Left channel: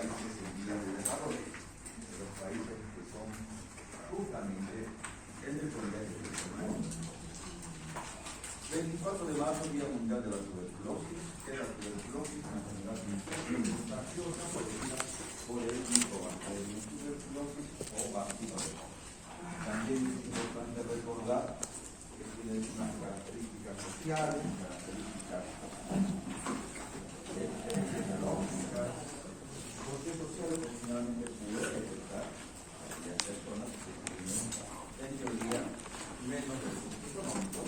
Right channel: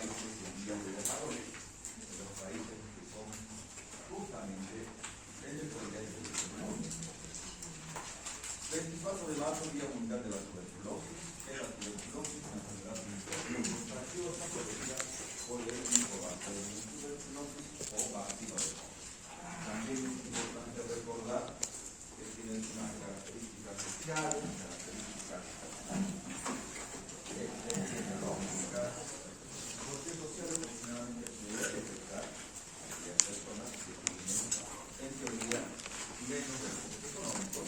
países en vías de desarrollo, de los países que son justamente en el progreso del mundo. 24 de marzo, Día Mundial de la Tuberculosis. Es la tuberculosis, una enfermedad contagiosa producida por el micobacterio tuberculosis o bacilo. También es importante recordar que tiene unas características sociales, características epidemiológicas, porque sociales generalmente puede afectar a las personas que tienen, en teoría, menos recursos económicos,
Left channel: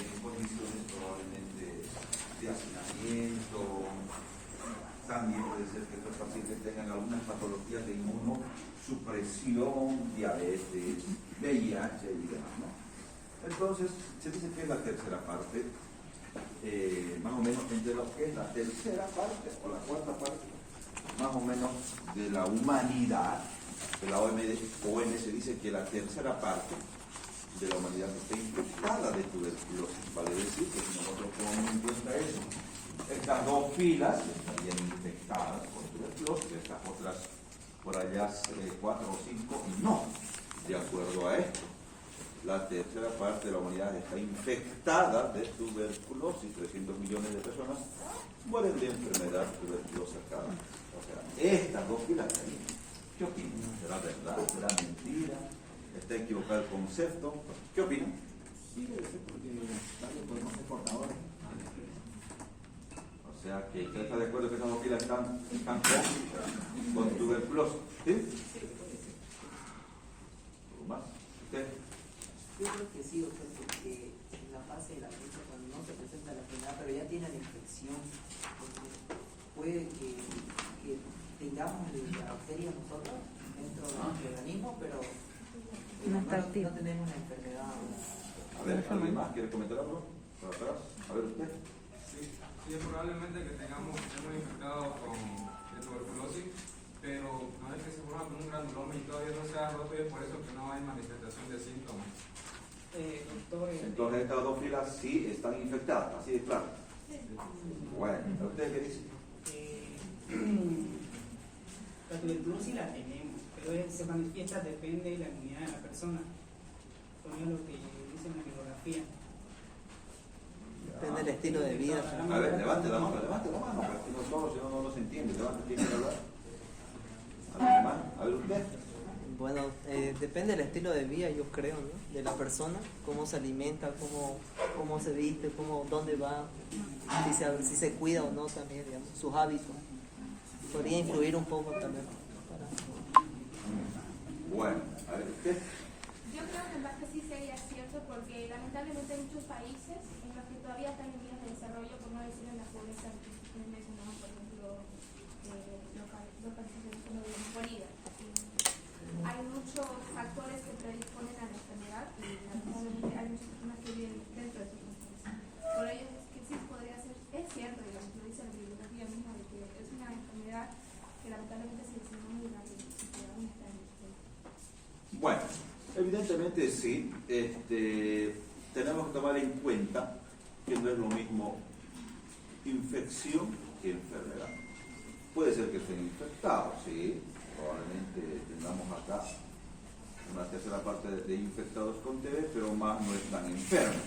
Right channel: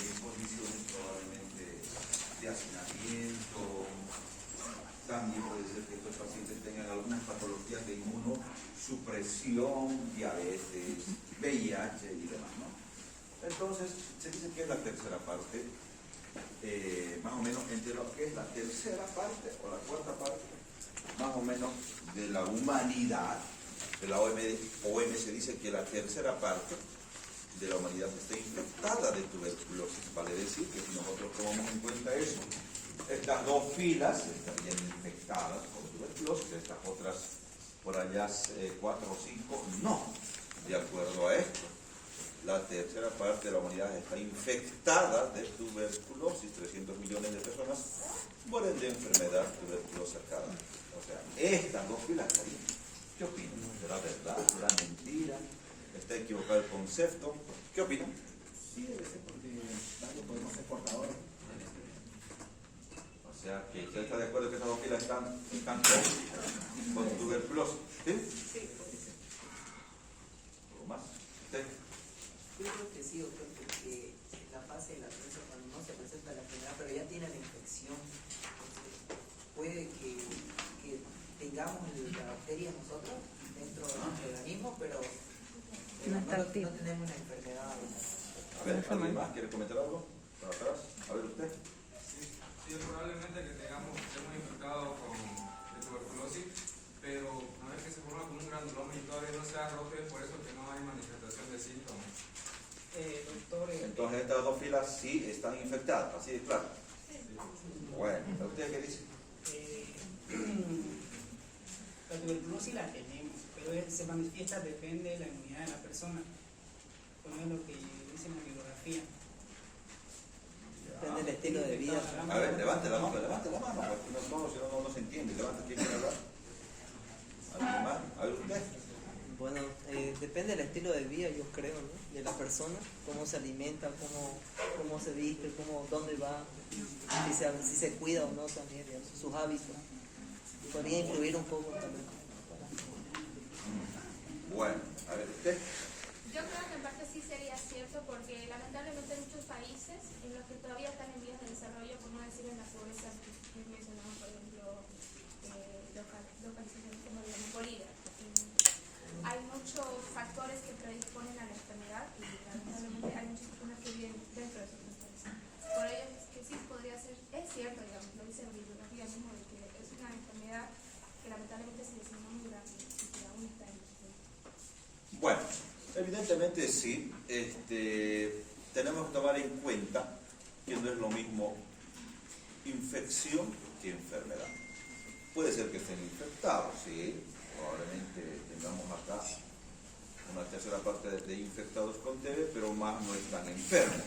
en condiciones probablemente de hacinamiento. También puede ser que estos pacientes tengan algunas patologías de inmunosupresión, diabetes, VIH y demás, ¿no? Entonces, se dice que es la tercera parte, más o menos entre lo que es la tercera parte o la cuarta parte, más o menos de la humanidad. De la OMS dice que la tercera parte de la humanidad está infectada de tuberculosis. Vale decir que si nosotros ponemos en cuenta eso, estas dos filas estarían infectadas por tuberculosis, estas otras por allá 4 o 5 no. De acuerdo a esto, la tercera parte de la humanidad está infectada de tuberculosis. 300 millones de personas mueren de enfermedad tuberculosa cada año. O sea, estas dos filas, ¿qué opinan? ¿Será verdad? ¿Será mentira? ¿Está equivocado el concepto? ¿Qué opinan? Sí, debe ser porque podemos ser portadores. O sea, que usted está de acuerdo que esas dos filas están con tuberculosis. ¿Sí? Sí, creo que sí. ¿Algo más? ¿Usted? Yo creo que sí, doctor, porque en la fase de la prensa, cuando no se presenta la enfermedad, pero ya tiene la infección, puede que tengamos la bacteria nosotros dentro del organismo, pero No está activo. no tenemos la enfermedad. A ver, ¿alguien más quiere comentar algo? ¿Para atrás? A ver, usted. Sí, probablemente que estemos infectados con tuberculosis, pero a ver que se forma como un granuloma y todavía no se ha roto y es por eso que no hay manifestación de síntomas. Entonces estas dos filas sí están infectadas, así de claro. Bueno, ¿usted qué dice? La tuberculosis la tenemos, pero se manifiesta, depende de la inmunidad de la persona. Por lo que dice en la bibliografía. Depende del estilo de vida. A ver, levante la mano, porque no todos, si no se entiende. Levante, ¿quién quiere hablar? ¿Alguien más? A ver, usted. Bueno, depende del estilo de vida, yo creo, ¿no? De la persona, cómo se alimenta, cómo se viste, dónde va, si se cuida o no también, digamos, sus hábitos. Podría influir un poco también. Bueno, a ver, usted. Yo creo que en parte sí sería cierto, porque lamentablemente hay muchos países en los que todavía están en vías de desarrollo, como decir en la pobreza que mencionamos, por ejemplo, los países como Bolivia. Hay muchos factores que predisponen a la enfermedad y lamentablemente hay muchas personas que viven dentro de esos factores. Por ello es que sí podría ser, es cierto, digamos, lo dice la bibliografía misma, de que es una enfermedad que lamentablemente se diseñó muy rápido y que aún está en existencia. Bueno, evidentemente sí. Tenemos que tomar en cuenta que no es lo mismo infección que enfermedad. Puede ser que estén infectados, sí. Probablemente tengamos acá una tercera parte de infectados con TB, pero más no están enfermos.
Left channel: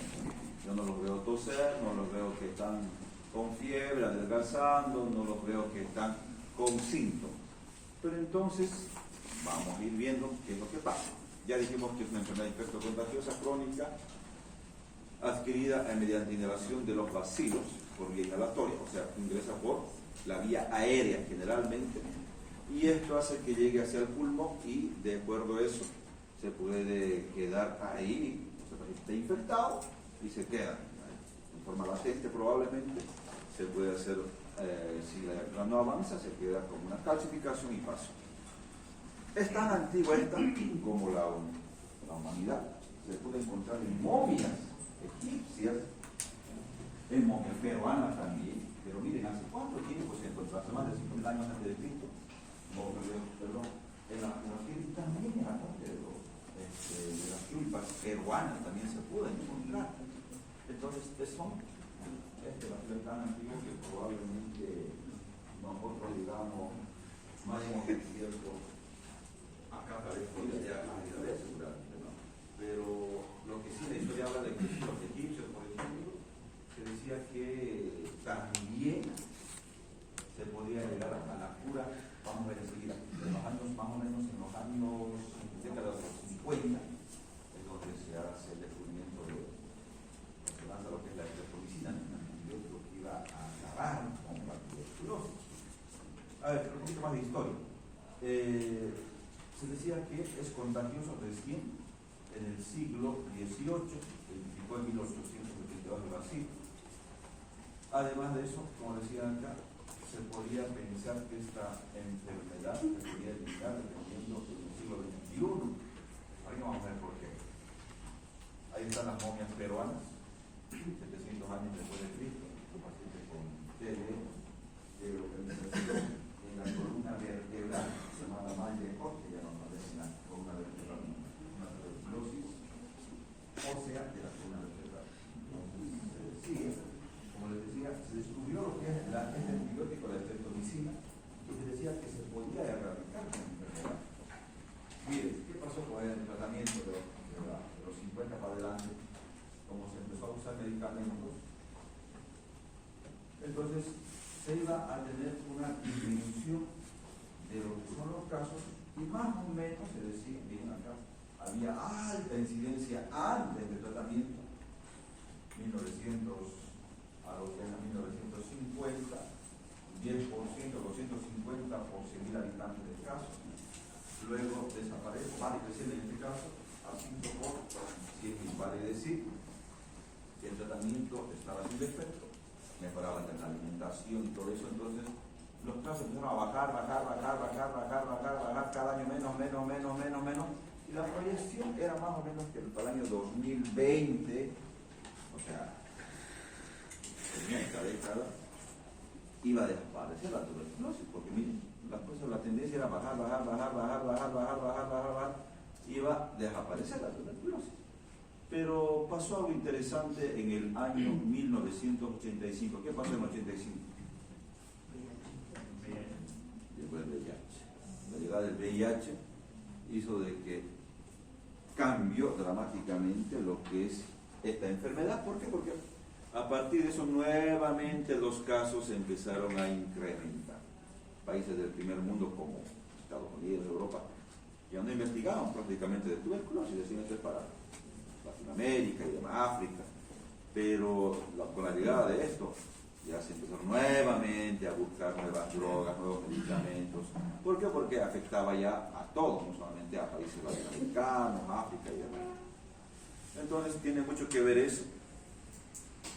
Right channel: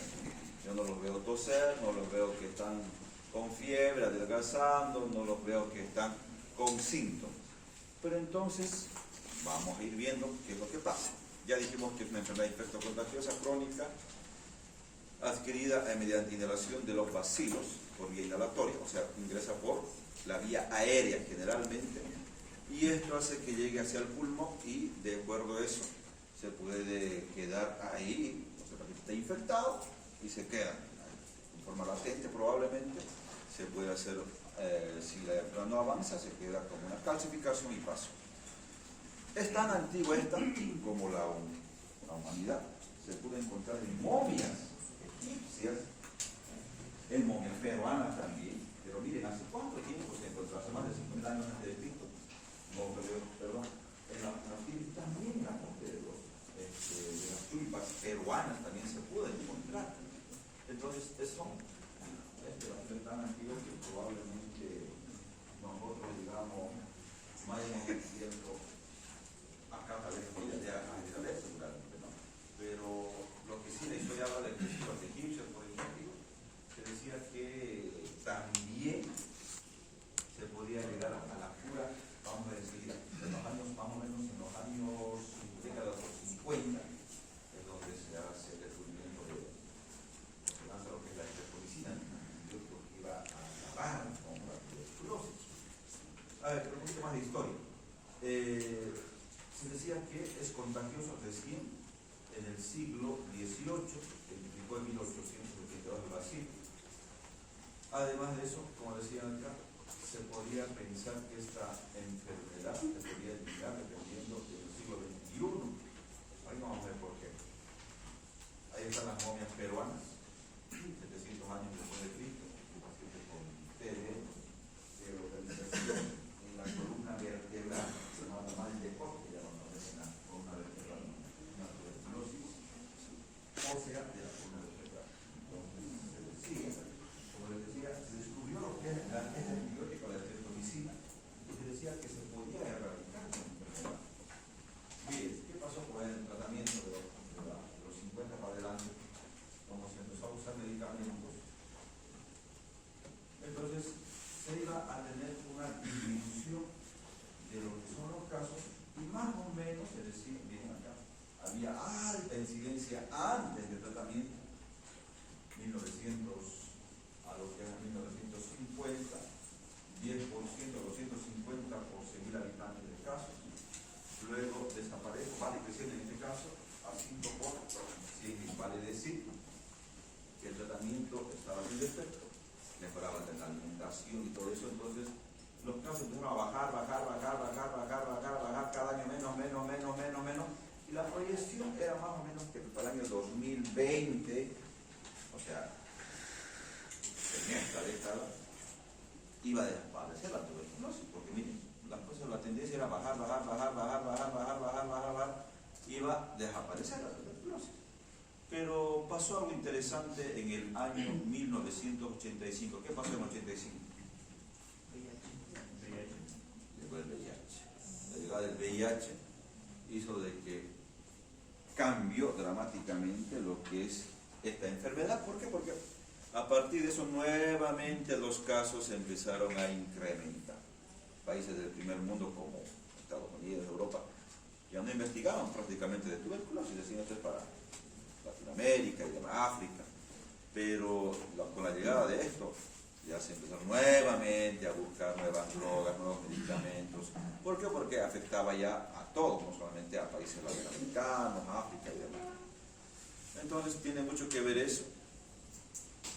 Yo no los veo toser, no los veo que están con fiebre, adelgazando, no los veo que están con síntomas. Pero entonces vamos a ir viendo qué es lo que pasa. Ya dijimos que es una enfermedad infectocontagiosa crónica adquirida mediante inhalación de los bacilos por vía inhalatoria, o sea, ingresa por la vía aérea generalmente, y esto hace que llegue hacia el pulmón y de acuerdo a eso se puede quedar ahí, o sea, está infectado y se queda en forma latente probablemente, se puede hacer, si la enfermedad no avanza, se queda con una calcificación y paso. Es tan antigua esta como la humanidad. Se puede encontrar en momias egipcias, en momias peruanas también, pero miren, ¿hace cuánto tiempo se encontró? Hace más de 50 años antes de Cristo. Perdón, en la piel también de las tulpas peruanas también se puede encontrar. Entonces, son la piel tan antigua que probablemente nosotros, digamos, más de historia. Se decía que es contagioso recién en el siglo XVIII, se identificó en 1872 en Brasil. Además de eso, como decían acá, se podría pensar que esta enfermedad se podría eliminar dependiendo del siglo XXI. Ahí vamos a ver por qué. Ahí están las momias peruanas, 700 años después de Cristo, pacientes con TB, localización en la columna vertebral, llamada mal de corte, ya no aparece en la columna vertebral, una tuberculosis ósea de la columna vertebral. Entonces, se decía, como les decía, se descubrió lo que es el antibiótico, la streptomicina, y se decía que se podía erradicar con enfermedad. Miren, ¿qué pasó con el tratamiento de los 50 para adelante? Como se empezó a usar medicamentos, entonces se iba a tener una disminución de lo que son los casos, y más o menos se decía, miren acá, había alta incidencia antes del tratamiento, 1900 a lo que es a 1950, 10%, 250 por 100.000 habitantes del caso. Luego desaparece, vale creciendo en este caso a 5 por 100.000, vale decir que el tratamiento estaba sin defecto, mejoraba la alimentación y todo eso. Entonces los casos empezaron a bajar, cada año menos, y la proyección era más o menos que para el año 2020, o sea, en esta década, iba a desaparecer la tuberculosis, porque miren, las cosas, la tendencia era bajar, iba a desaparecer la tuberculosis. Pero pasó algo interesante en el año 1985. ¿Qué pasó en el 85? Después del VIH. La llegada del VIH hizo de que cambió dramáticamente lo que es esta enfermedad. ¿Por qué? Porque a partir de eso nuevamente los casos empezaron a incrementar. Países del primer mundo como Estados Unidos, Europa, ya no investigaban prácticamente de tuberculosis, decían esto es para Latinoamérica y demás, África, pero con la llegada de esto ya se empezaron nuevamente a buscar nuevas drogas, nuevos medicamentos. ¿Por qué? Porque afectaba ya a todos, no solamente a países latinoamericanos, África y demás. Entonces tiene mucho que ver eso.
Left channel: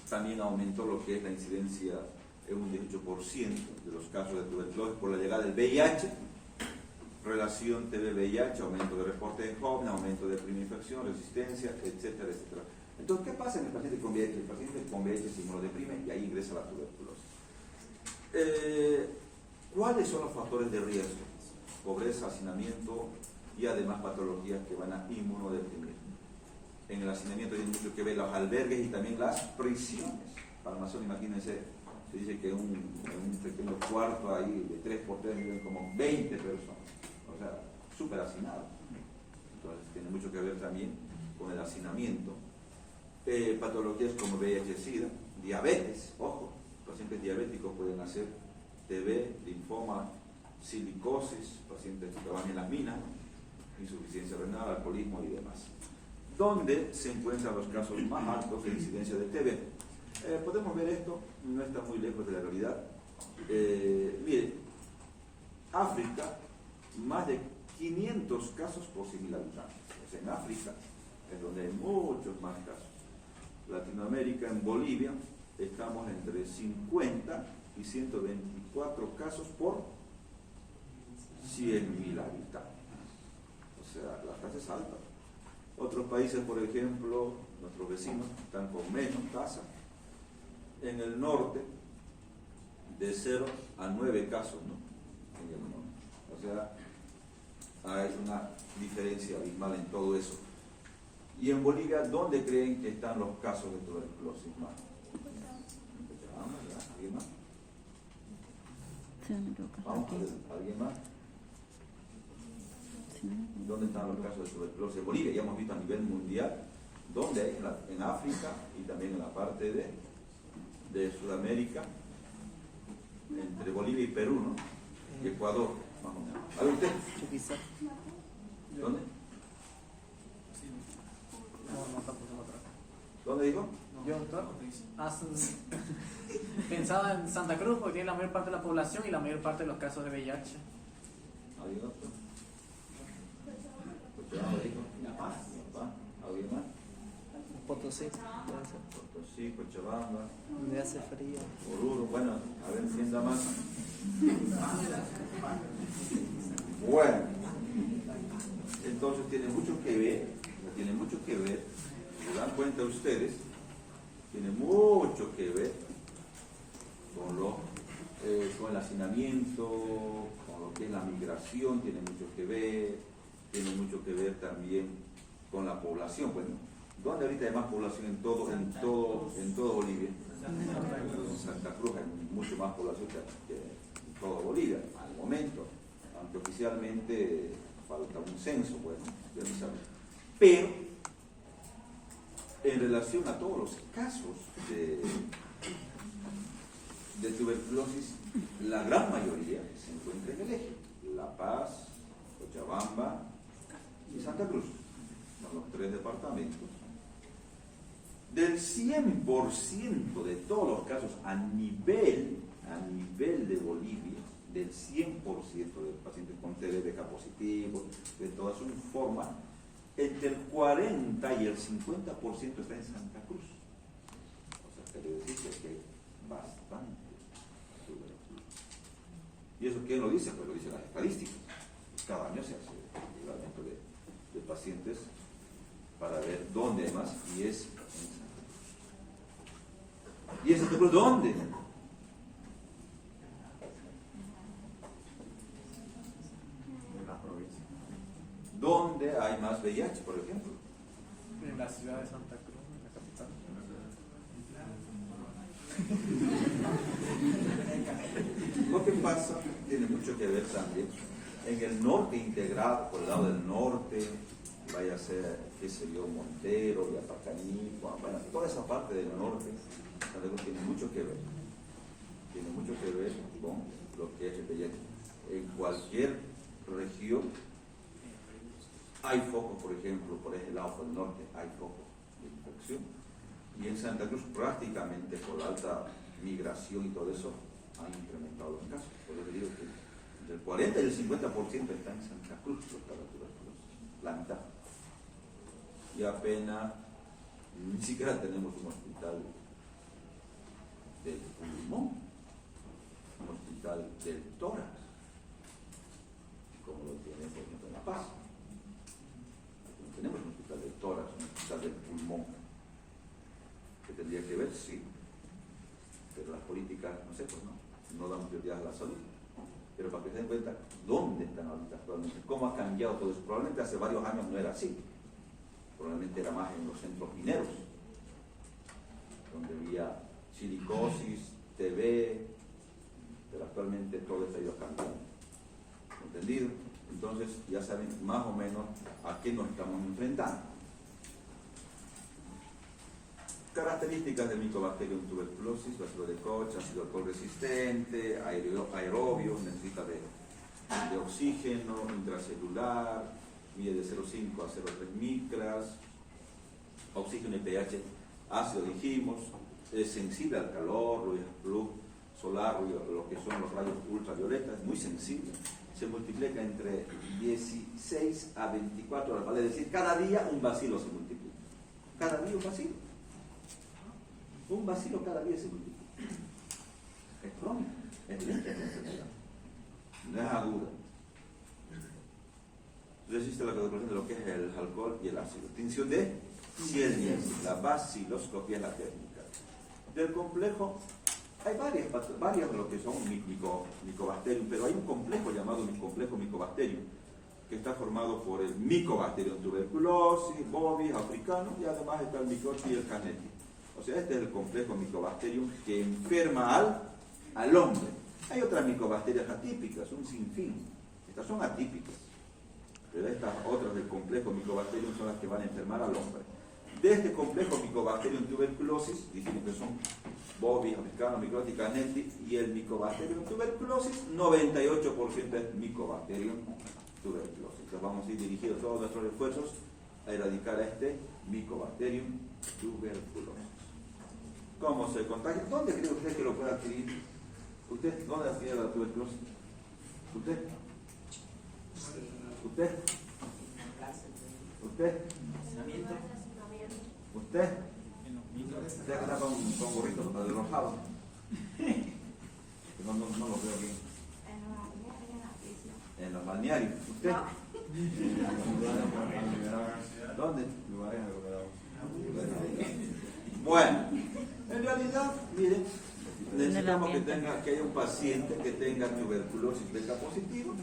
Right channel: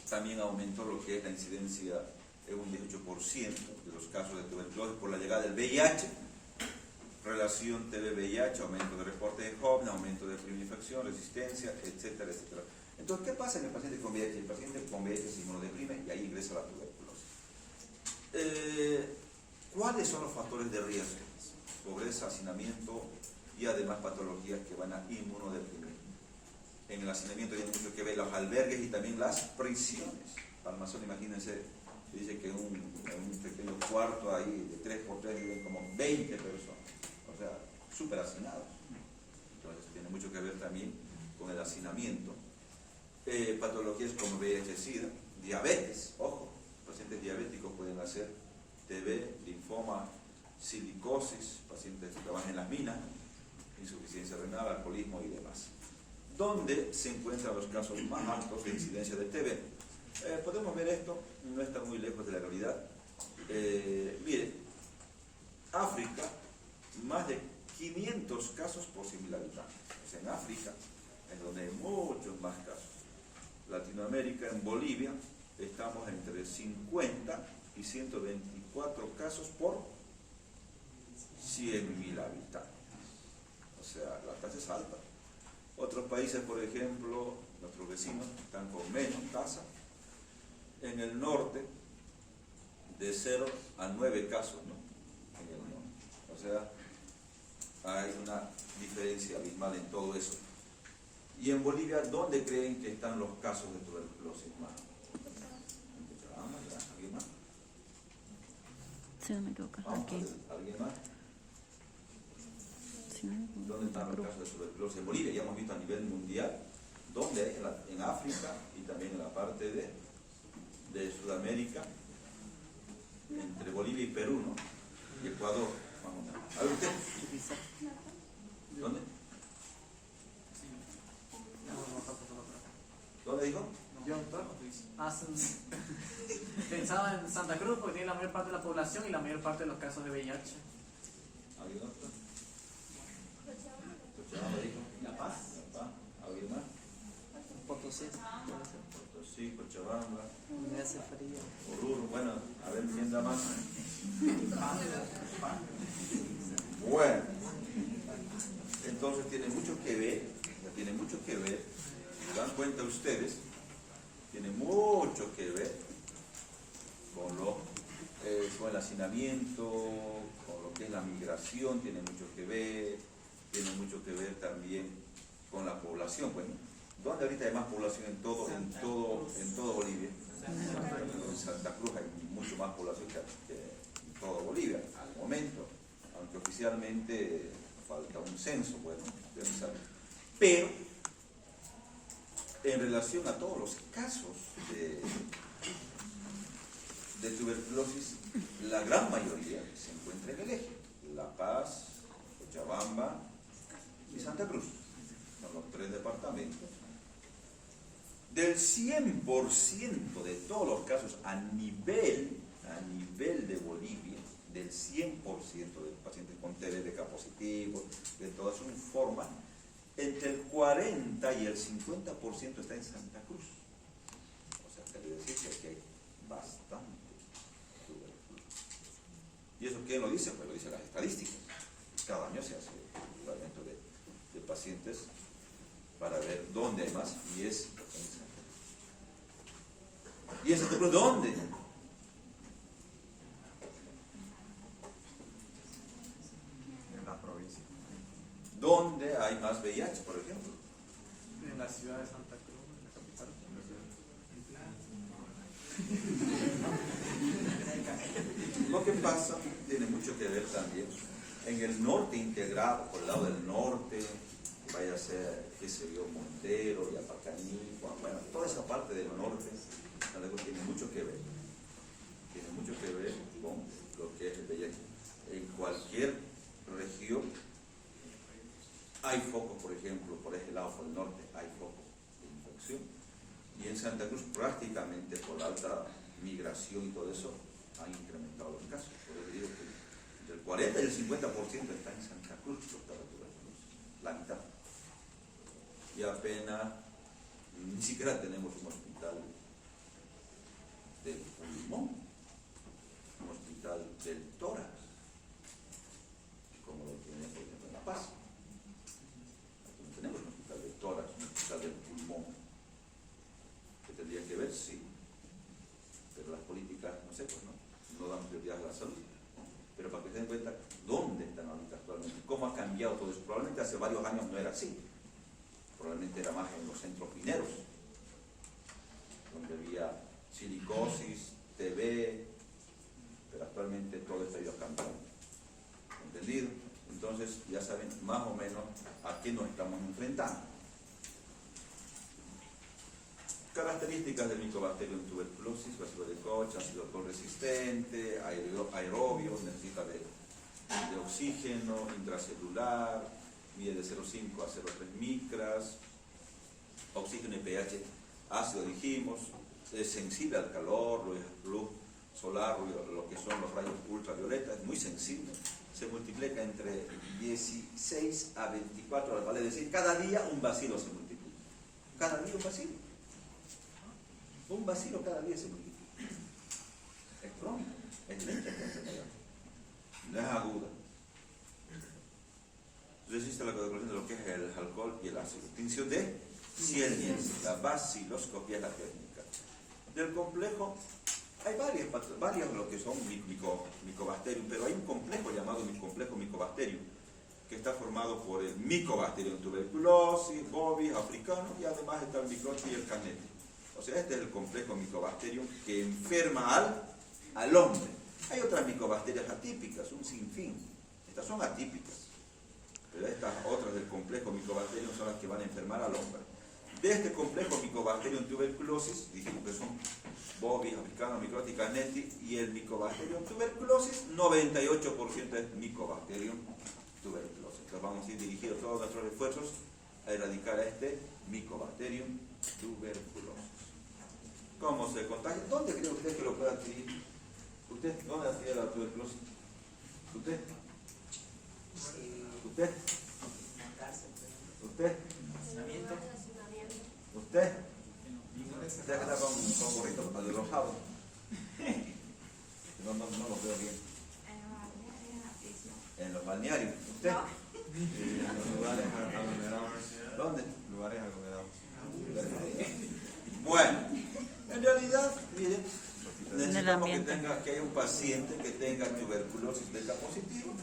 También aumentó lo que es la incidencia en un 18% de los casos de tuberculosis por la llegada del VIH, relación TB-VIH, aumento de reporte de jóvenes, aumento de primera infección, resistencia, etcétera, etcétera. Entonces, ¿qué pasa en el paciente con VIH? El paciente con VIH se inmunodeprime y ahí ingresa la tuberculosis. ¿Cuáles son los factores de riesgo? Pobreza, hacinamiento y además patologías que van a inmunodeprimir. En el hacinamiento tiene mucho que ver los albergues y también las prisiones. Palmazón, imagínense, se dice que en un pequeño cuarto ahí de 3x3 viven como 20 personas. O sea, súper hacinados. Entonces tiene mucho que ver también con el hacinamiento. Patologías como VIH-Sida, diabetes, ojo, pacientes diabéticos pueden hacer TB, linfoma, silicosis, pacientes que trabajan en las minas, insuficiencia renal, alcoholismo y demás. ¿Dónde se encuentran los casos más altos de incidencia de TB? Podemos ver esto, no está muy lejos de la realidad. Miren, África, más de 500 casos por 100.000 habitantes. O sea, en África es donde hay muchos más casos. Latinoamérica, en Bolivia, estamos entre 50 y 124 casos por 100.000 habitantes. O sea, la tasa es alta. Otros países, por ejemplo, nuestros vecinos están con menos tasa. En el norte, de 0 a 9 casos, ¿no? En el norte. O sea, hay una diferencia abismal en todo eso. Y en Bolivia, ¿dónde creen que están los casos de tuberculosis más? ¿Alguien más? Sí, no creo que Vamos, aquí. ¿alguien más? Sí, ¿Dónde están los casos de tuberculosis? En Bolivia, ya hemos visto a nivel mundial, ¿dónde hay? En África y también en la parte de Sudamérica, entre Bolivia y Perú, ¿no? Y Ecuador, más o menos. ¿Sabe usted? ¿Dónde? ¿Dónde dijo? Yo, pensaba en Santa Cruz porque tiene la mayor parte de la población y la mayor parte de los casos de VIH. ¿Alguien otro? Cochabamba dijo. La Paz. La Paz. ¿Alguien más? Potosí, puede ser. Potosí, Cochabamba, Me hace frío. Oruro. Bueno, a ver quién da más. Bueno, entonces tiene mucho que ver, se dan cuenta ustedes, tiene mucho que ver con el hacinamiento, con lo que es la migración, tiene mucho que ver también con la población. Bueno, ¿dónde ahorita hay más población en todo Bolivia? En Santa Cruz hay mucho más población que en todo Bolivia, al momento, aunque oficialmente falta un censo, bueno, ya no saben. Pero, en relación a todos los casos de tuberculosis, la gran mayoría se encuentra en el eje: La Paz, Cochabamba y Santa Cruz. Son los 3 departamentos. Del 100% de todos los casos a nivel de Bolivia, del 100% de pacientes con TBK positivo, de toda su forma, entre el 40 y el 50% está en Santa Cruz. O sea, quiere decir que aquí hay bastante tuberculosis. ¿Y eso quién lo dice? Pues lo dicen las estadísticas. Cada año se hace el evaluamiento de pacientes para ver dónde hay más, y es en Santa Cruz. ¿Y en Santa Cruz dónde? ¿Dónde hay más VIH, por ejemplo? En la ciudad de Santa Cruz, en la capital. Lo que pasa tiene mucho que ver también en el norte integrado, por el lado del norte, que vaya a ser, qué sé yo, Montero, Yapacaní, bueno, toda esa parte del norte, tiene mucho que ver. Tiene mucho que ver con lo que es el VIH. En cualquier región hay focos, por ejemplo, por ese lado, por el norte, hay focos de infección. Y en Santa Cruz, prácticamente por la alta migración y todo eso, han incrementado los casos. Pero yo digo que entre el 40 y el 50% está en Santa Cruz, la mitad. Y apenas, ni siquiera tenemos un hospital del pulmón, un hospital del tórax, como lo tiene, por ejemplo, en La Paz. Tenemos un hospital de tórax, un hospital del pulmón, que tendría que ver, sí, pero las políticas, no sé, pues no dan prioridad a la salud. Pero para que se den cuenta dónde están ahorita actualmente, cómo ha cambiado todo eso. Probablemente hace varios años no era así, probablemente era más en los centros mineros, donde había silicosis, TB, pero actualmente todo está ido cambiando. ¿Entendido? Entonces ya saben más o menos a qué nos estamos enfrentando. Características del Mycobacterium en tuberculosis: ácido de Koch, ácido alcohol resistente, aerobio, necesita de oxígeno, intracelular, mide de 0,5 a 0,3 micras, oxígeno y pH ácido, dijimos, es sensible al calor, luz solar, lo que son los rayos ultravioleta, es muy sensible. Se multiplica entre 16 a 24 horas, vale decir, cada día un bacilo se multiplica. Cada día un bacilo. Un bacilo cada día se multiplica. Es crónica, es lenta la enfermedad. No es aguda. Entonces existe la codificación de lo que es el alcohol y el ácido. Tinción de Ciel-Nielsen, la baciloscopía es la técnica. Del complejo hay varias de lo que son Mycobacterium, pero hay un complejo llamado complejo Mycobacterium, que está formado por el Mycobacterium tuberculosis, bovis, africano, y además está el microchip y el caneti. O sea, este es el complejo Mycobacterium que enferma al hombre. Hay otras micobacterias atípicas, un sinfín. Estas son atípicas, pero estas otras del complejo Mycobacterium son las que van a enfermar al hombre. De este complejo Mycobacterium tuberculosis, dijimos que son bovis, africano, microchip, caneti, y el Mycobacterium tuberculosis, 98% es Mycobacterium tuberculosis. Entonces vamos a ir dirigiendo todos nuestros esfuerzos a erradicar a este Mycobacterium tuberculosis. ¿Cómo se contagia? ¿Dónde cree usted que lo puede adquirir? ¿Usted dónde adquiere la tuberculosis? ¿Usted? ¿Usted? ¿Usted? ¿Usted? ¿Usted está con gorrito, el rosado? No lo veo bien. En los balnearios. ¿Usted? ¿Dónde? Lugares recomendados. Bueno, en realidad, miren, necesitamos que haya un paciente que tenga tuberculosis beta positiva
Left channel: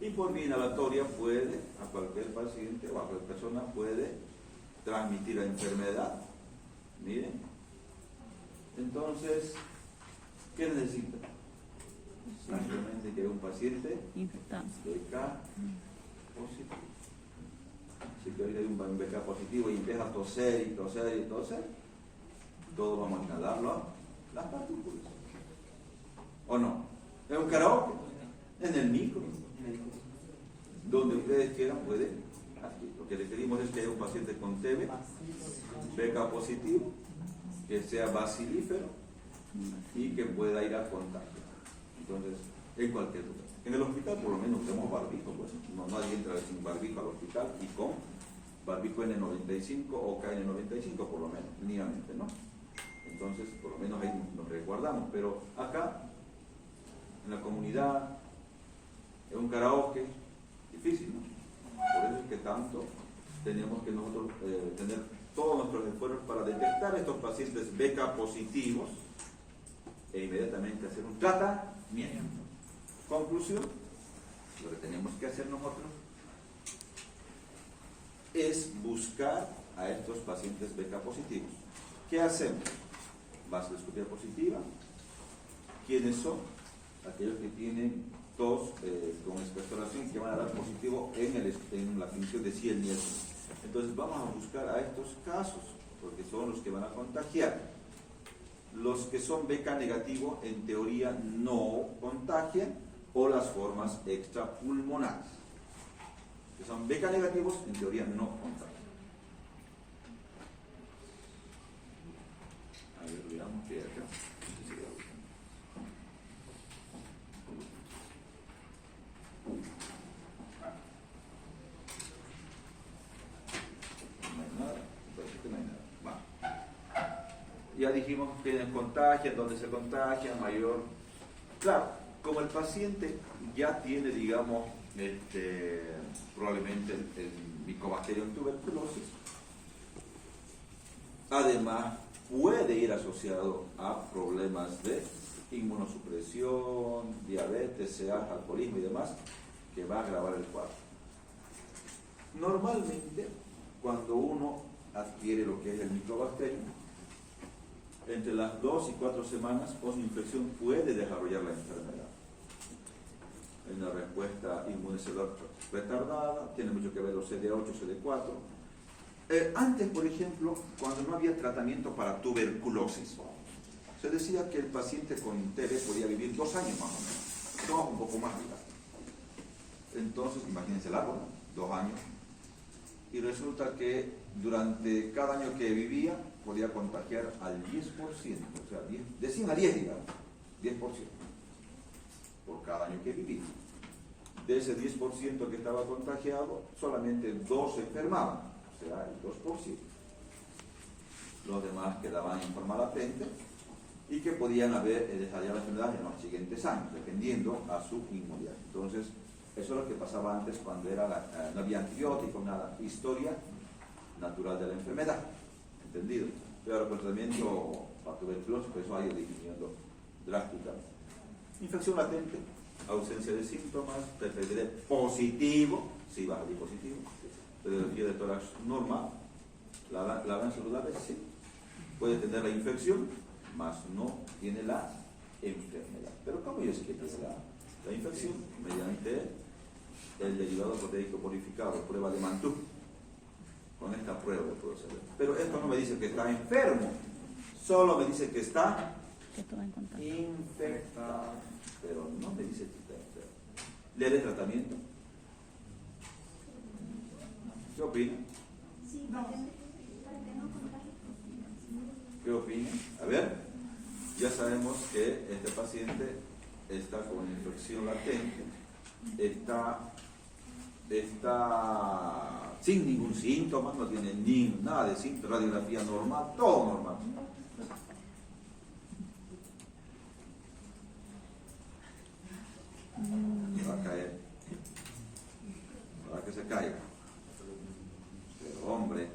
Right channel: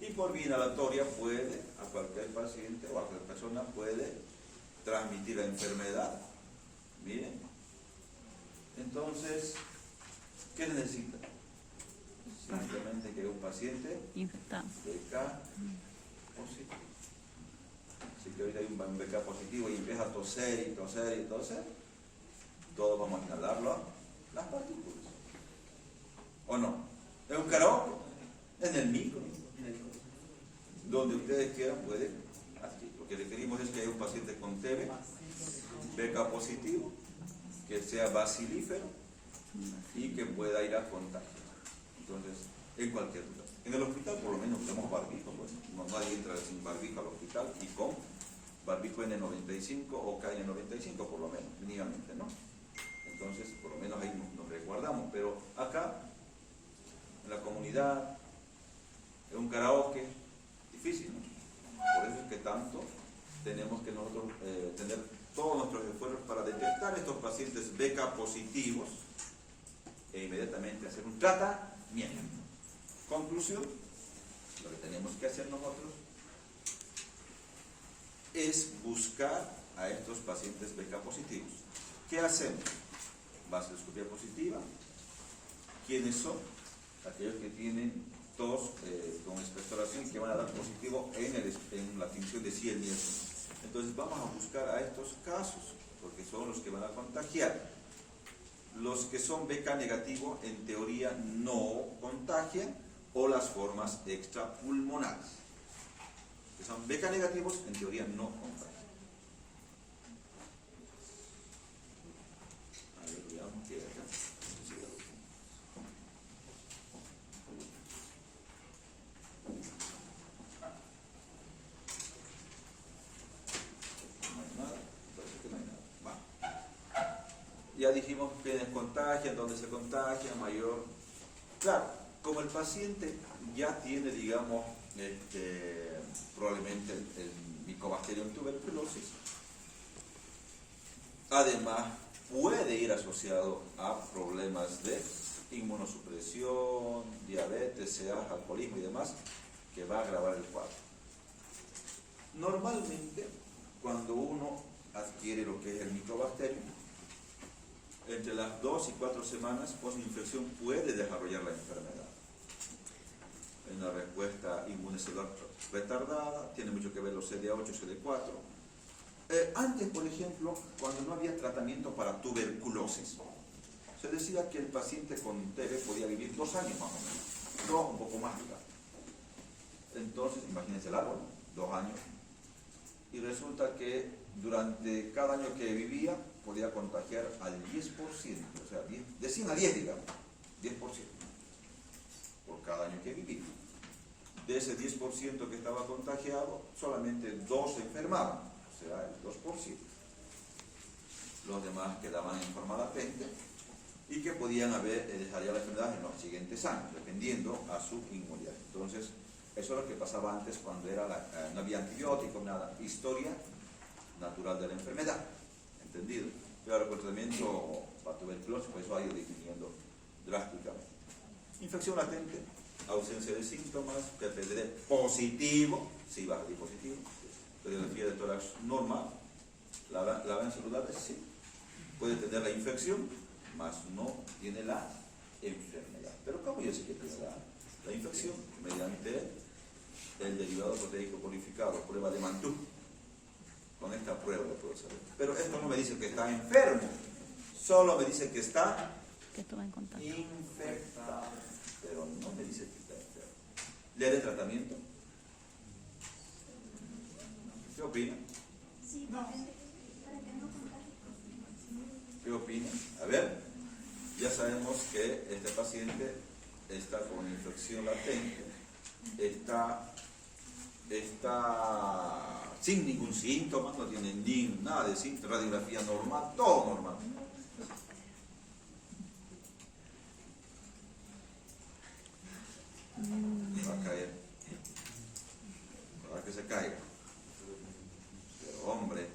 y por vía inhalatoria puede, a cualquier paciente o a cualquier persona puede transmitir la enfermedad. Miren, entonces, ¿qué necesita? Simplemente que haya un paciente Infectado. BK positivo. Si que hoy hay un BK positivo y empieza a toser y toser y toser, todos vamos a inhalarlo las partículas. ¿O no? ¿Es un karaoke? En el micro. Donde ustedes quieran, pueden. Aquí. Lo que requerimos es que haya un paciente con TB, BK positivo, que sea bacilífero y que pueda ir a contagio. Entonces, en cualquier lugar. En el hospital, por lo menos, tenemos barbijo. Pues. Nadie entra sin barbijo al hospital y con barbijo N95 o KN95, por lo menos, mínimamente, ¿no? Entonces, por lo menos ahí nos resguardamos. Pero acá, en la comunidad, en un karaoke, difícil, ¿no? Por eso es que tanto tenemos que nosotros tener todos nuestros esfuerzos para detectar estos pacientes BK positivos e inmediatamente hacer un tratamiento. Conclusión, lo que tenemos que hacer nosotros es buscar a estos pacientes BK positivos. ¿Qué hacemos? Vasculoscopía positiva. ¿Quiénes son? Aquellos que tienen tos con expectoración que van a dar positivo en la tinción de Ciel Nielsen. Entonces vamos a buscar a estos casos, porque son los que van a contagiar. Los que son BK negativo, en teoría, no contagian, o las formas extrapulmonares. Que son BK negativos, en teoría, no contagian. A ver, veamos qué hay acá. Ya dijimos quiénes contagian, dónde se contagia, mayor. Claro, como el paciente ya tiene, digamos, probablemente el Mycobacterium tuberculosis, además puede ir asociado a problemas de inmunosupresión, diabetes, CA, alcoholismo y demás, que va a agravar el cuadro. Normalmente, cuando uno adquiere lo que es el Mycobacterium, entre las 2 y 4 semanas post-infección puede desarrollar la enfermedad. Es una respuesta inmuncelular retardada, tiene mucho que ver los CD8, CD4. Antes, por ejemplo, cuando no había tratamiento para tuberculosis, se decía que el paciente con TB podía vivir 2 años más o menos, un poco más. Entonces, imagínense largo, ¿no? 2 años. Y resulta que durante cada año que vivía, podía contagiar al 10%, o sea, de 100 a 10, digamos, 10%, por cada año que vivía. De ese 10% que estaba contagiado, solamente 2 se enfermaban, o sea, el 2%. Los demás quedaban en forma latente y que podían haber desarrollado la enfermedad en los siguientes años, dependiendo a su inmunidad. Entonces, eso es lo que pasaba antes cuando no había antibióticos, nada, historia natural de la enfermedad. ¿Entendido? Pero el tratamiento para tuberculosis, pues va a ir disminuyendo drásticamente. Infección latente, ausencia de síntomas, PPD positivo, sí va a salir positivo, pero el fiebre de tórax normal, la van saludable, sí, puede tener la infección, mas no tiene la enfermedad. Pero ¿cómo es que tiene la infección? Mediante el derivado proteico purificado, prueba de Mantoux. Con esta prueba lo puedo saber. Pero esto no me dice que está enfermo, solo me dice que está infectado, pero no me dice que está enfermo. ¿Le haré tratamiento? ¿Qué opina? ¿Qué opina? A ver, ya sabemos que este paciente está con infección latente, está está sin ningún síntoma, no tiene ni nada de síntoma, radiografía normal, todo normal. Va a caer. Para que se caiga. Pero hombre,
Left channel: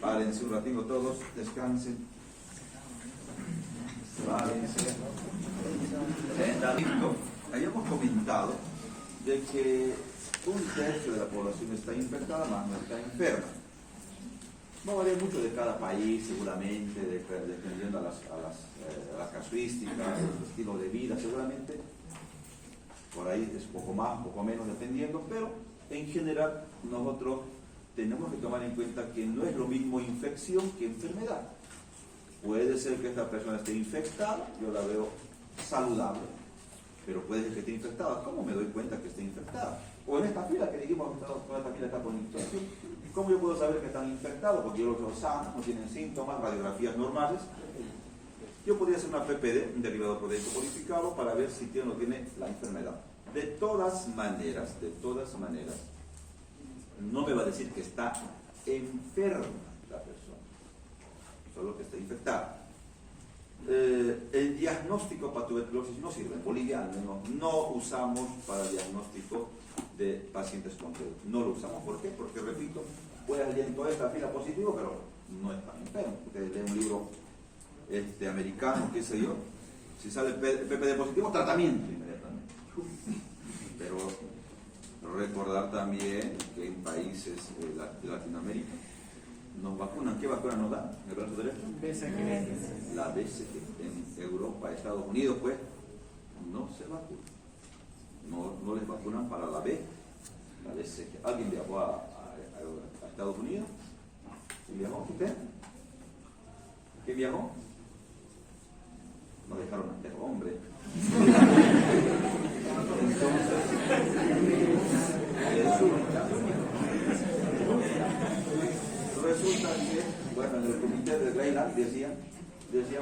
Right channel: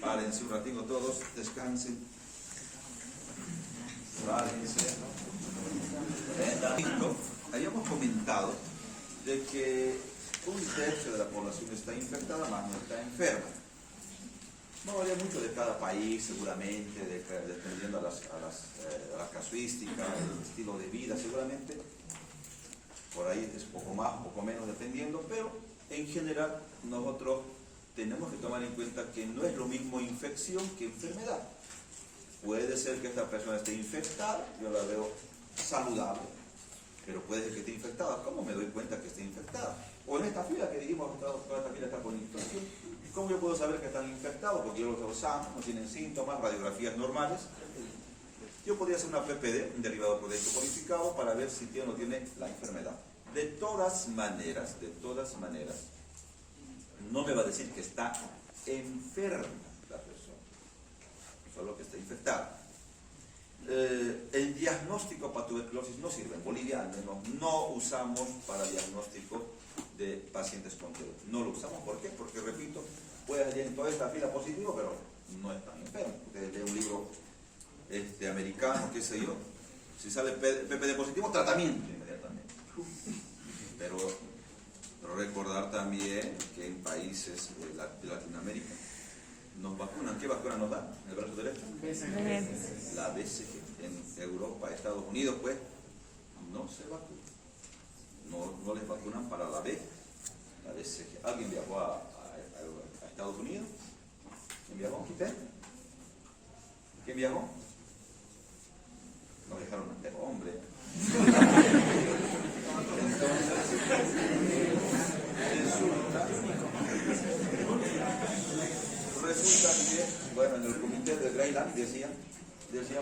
párense un ratito todos, descansen. Párense. Habíamos comentado de que 1/3 de la población está infectada, más no está enferma. No varía mucho de cada país, seguramente, dependiendo a la casuística, el estilo de vida, seguramente. Por ahí es poco más, poco menos, dependiendo, pero en general nosotros tenemos que tomar en cuenta que no es lo mismo infección que enfermedad. Puede ser que esta persona esté infectada, yo la veo saludable, pero puede ser que esté infectada. ¿Cómo me doy cuenta que esté infectada? O en esta fila que dijimos, toda esta fila está con infección. ¿Cómo yo puedo saber que están infectados? Porque yo los veo sanos, no tienen síntomas, radiografías normales. Yo podría hacer una PPD, un derivado proteico codificado, para ver si tiene o no tiene la enfermedad. De todas maneras, no me va a decir que está enferma la persona, solo que está infectada. El diagnóstico para tuberculosis no sirve. En Bolivia, al menos, no usamos para diagnóstico de pacientes con TB. No lo usamos. ¿Por qué? Porque, repito, puede salir en toda esta fila positivo, pero no están enfermos. Ustedes leen un libro americano, qué sé yo. Si sale PPD positivo, tratamiento inmediatamente. Pero recordar también que en países de Latinoamérica nos vacunan. ¿Qué vacuna nos dan? ¿El brazo derecho? La BCG. En Europa, Estados Unidos, pues, no se vacuna. No les vacunan para la B, la BCG. ¿Alguien viajó a Estados Unidos? ¿Quién viajó? ¿Usted? ¿Quién viajó? No dejaron meter, hombre. Resulta que, bueno, en el comité de Greyland decían,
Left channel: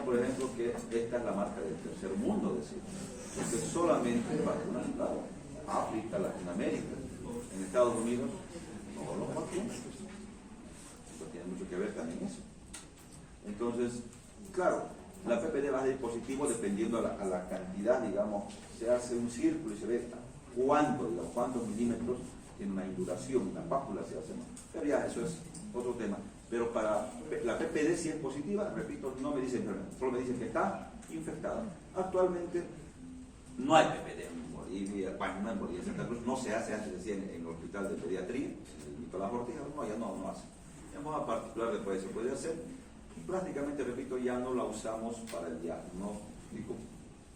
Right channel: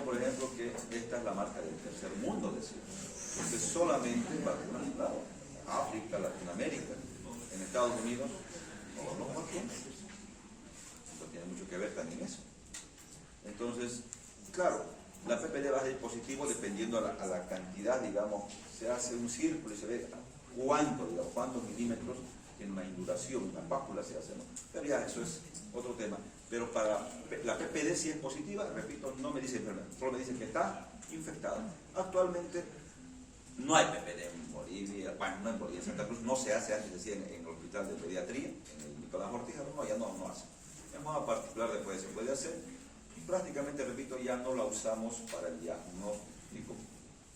por ejemplo, que esta es la marca del tercer mundo, decían. Porque solamente vacunan a África, Latinoamérica. En Estados Unidos, no, ¿por qué? Eso tiene mucho que ver también eso. Entonces, claro, la PPD va a ser positivo dependiendo a la cantidad, digamos, se hace un círculo y se ve cuántos milímetros tiene una induración, una pápula se hace, ¿no? Pero ya, eso es otro tema. Pero para la PPD, si es positiva, repito, no me dice enfermedad, solo me dice que está infectada. Actualmente no hay PPD en Bolivia, bueno, no en Bolivia, en Santa Cruz no se hace, antes decía en el hospital de pediatría, en el Nicolás Ortiga, no, ya no hace. En modo particular después se puede hacer, y prácticamente, repito, ya no la usamos para el diagnóstico,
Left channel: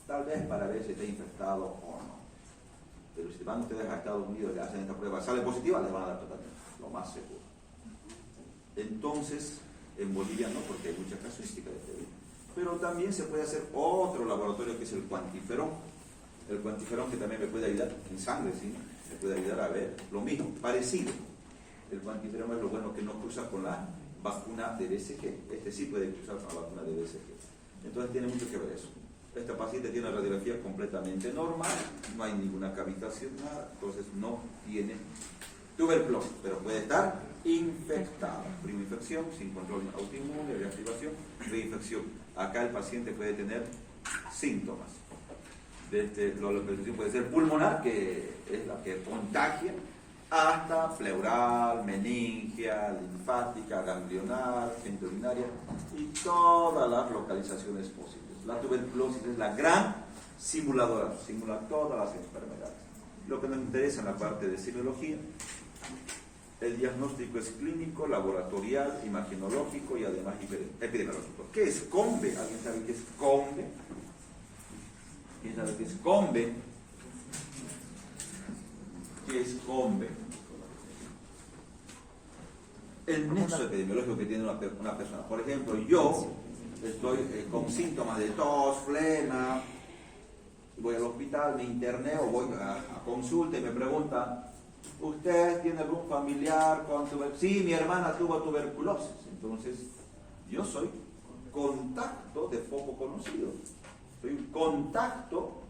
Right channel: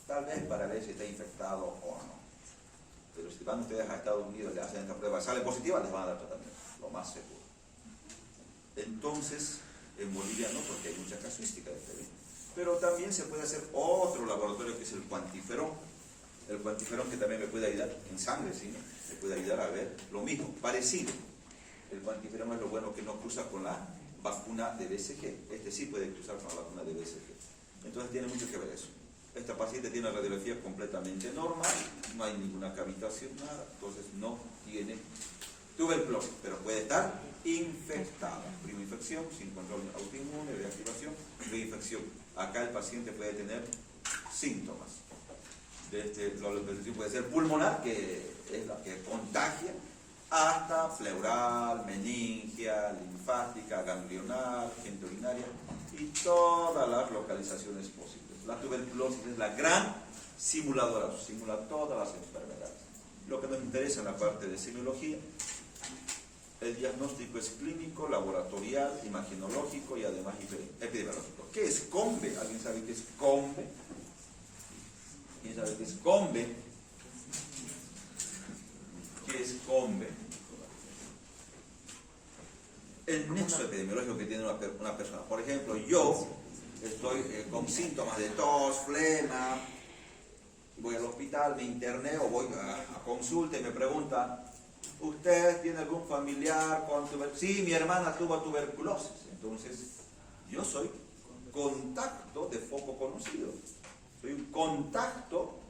tal vez para ver si está infectado o no. Pero si van ustedes a Estados Unidos y le hacen esta prueba, sale positiva, les van a dar tratamiento, lo más seguro. Entonces, en Bolivia no, porque hay mucha casuística de TB. Pero también se puede hacer otro laboratorio que es el cuantiferón. El cuantiferón que también me puede ayudar en sangre, ¿sí? Me puede ayudar a ver lo mismo, parecido. El cuantiferón es lo bueno que no cruza con la vacuna de BCG. Este sí puede cruzar con la vacuna de BCG. Entonces tiene mucho que ver eso. Esta paciente tiene una radiografía completamente normal, no hay ninguna cavitación, nada, entonces no tiene tuberculosis, pero puede estar infectada. Primera infección, sin control autoinmune, reactivación, reinfección. Acá el paciente puede tener síntomas. La infección puede ser pulmonar, que es la que contagia, hasta pleural, meningia, linfática, ganglionar, genitourinaria y todas las localizaciones posibles. La tuberculosis es la gran simuladora, simula todas las enfermedades. Lo que nos interesa en la parte de semiología, el diagnóstico es clínico, laboratorial, imaginológico y además epidemiológico. ¿Qué es COMBE? ¿Alguien sabe qué es COMBE? ¿Quién sabe qué es COMBE? ¿Qué es COMBE? El nexo epidemiológico que tiene una persona. Por ejemplo, yo estoy con síntomas de tos, flema, voy al hospital, me interné o voy a consulta y me pregunta, ¿usted tiene algún familiar con tuberculosis? Sí, mi hermana tuvo tuberculosis. Entonces, yo soy contacto de foco conocido. Soy un contacto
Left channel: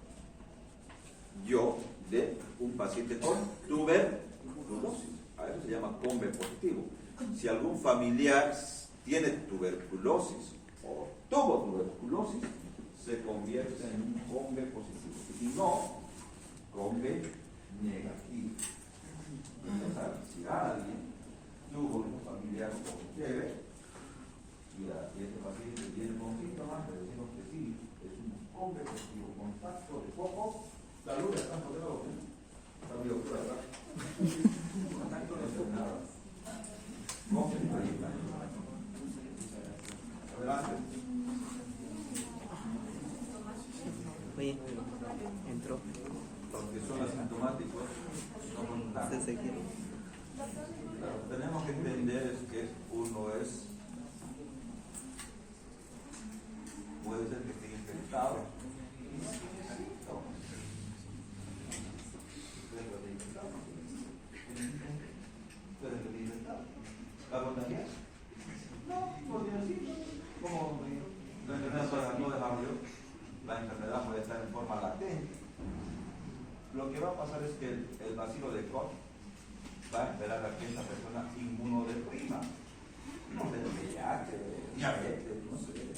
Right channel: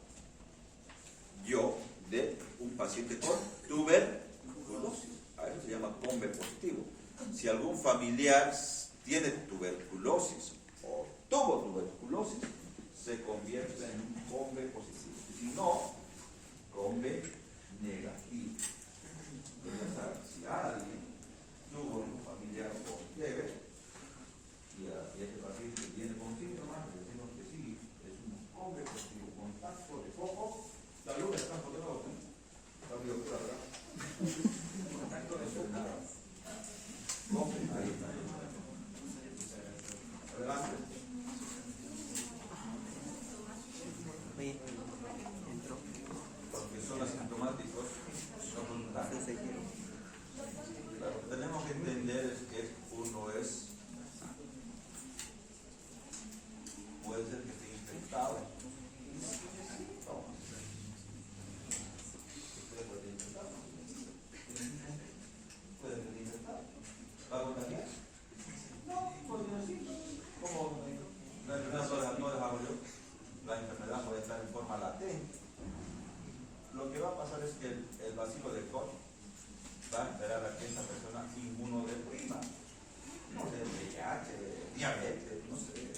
yo de un paciente con tuberculosis. A eso se llama COMBE positivo. Si algún familiar tiene tuberculosis o tuvo tuberculosis, se convierte en un COMBE positivo. Si no, COMBE negativo. Ya saben, si alguien tuvo un familiar con fiebre y este paciente viene con síntomas, le decimos que sí, es un COMBE positivo, contacto de foco. La luz está por debajo, ¿no? Está muy oscura, ¿verdad? Contacto de foco. COMBE, ahí está. Adelante. Oye, entró. Los que son asintomáticos no contagian. Claro, tenemos que entender es que uno puede ser que esté infectado. Puede estar infectado. ¿Va a contagiar? No, podría decir. Como la enfermedad no desarrolló, la enfermedad puede estar en forma latente. Lo que va a pasar es que el bacilo de Koch va a esperar a que esta persona inmunodeprima, no sé, VIH, diabetes, no sé,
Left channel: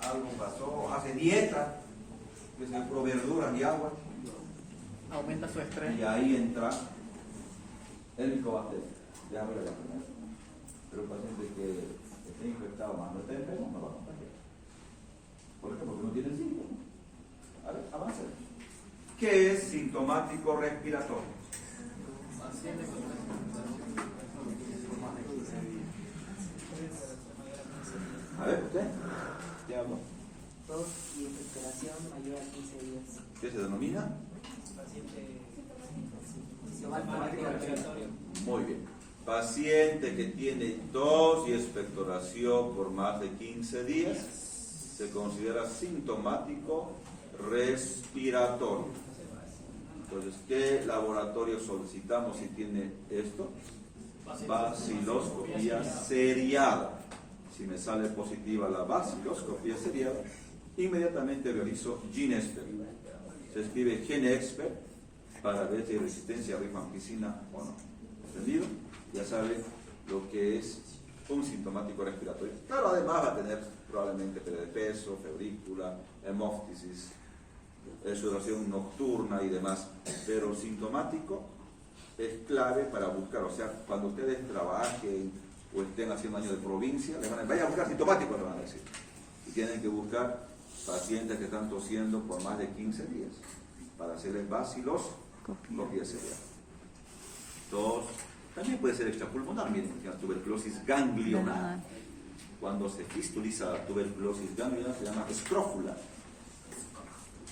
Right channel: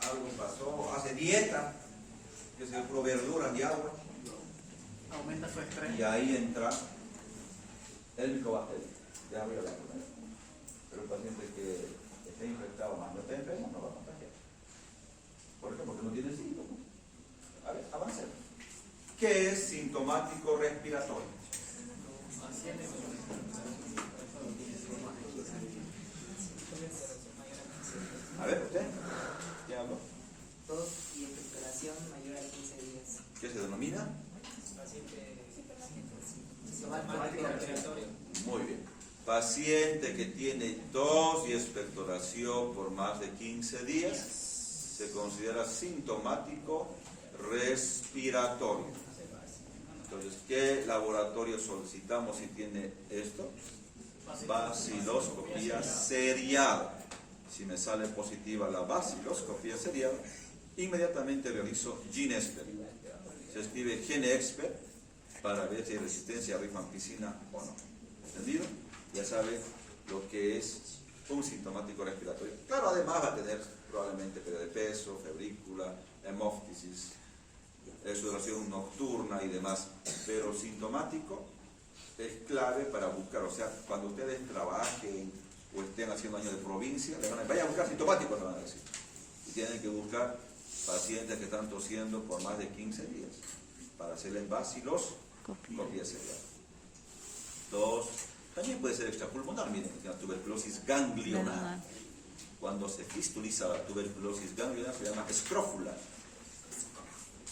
algo pasó, hace dieta, que se puro verduras y agua, Aumenta su estrés. y ahí entra el micobacterio. Ya voy a hablar con él. Pero un paciente que esté infectado más no esté enfermo, no va a contagiar. ¿Por qué? Porque no tiene síntomas. A ver, avancemos. ¿Qué es sintomático respiratorio? A ver, ¿usted? ¿Qué habló? Tos y expectoración mayor a 15 días. ¿Qué se denomina? Muy bien. Paciente que tiene tos y expectoración por más de 15 días se considera sintomático respiratorio. Entonces, ¿qué laboratorio solicitamos si tiene esto? Baciloscopía seriada. Si me sale positiva la baciloscopía seriada, inmediatamente realizo GeneXpert. Se escribe GeneXpert para ver si hay resistencia a rifampicina o no. ¿Entendido? Ya sabe lo que es un sintomático respiratorio. Claro, además va a tener probablemente pérdida de peso, febrícula, hemóftisis, sudoración nocturna y demás. Pero sintomático es clave para buscar. O sea, cuando ustedes trabajen o estén haciendo años de provincia, vayan a buscar sintomáticos, le van a decir. Y tienen que buscar pacientes que están tosiendo por más de 15 días para hacerles baciloscopía seriada. Dos, también puede ser extrapulmonar, miren, la tuberculosis ganglionar. Cuando se fistuliza la tuberculosis ganglionar se llama escrófula.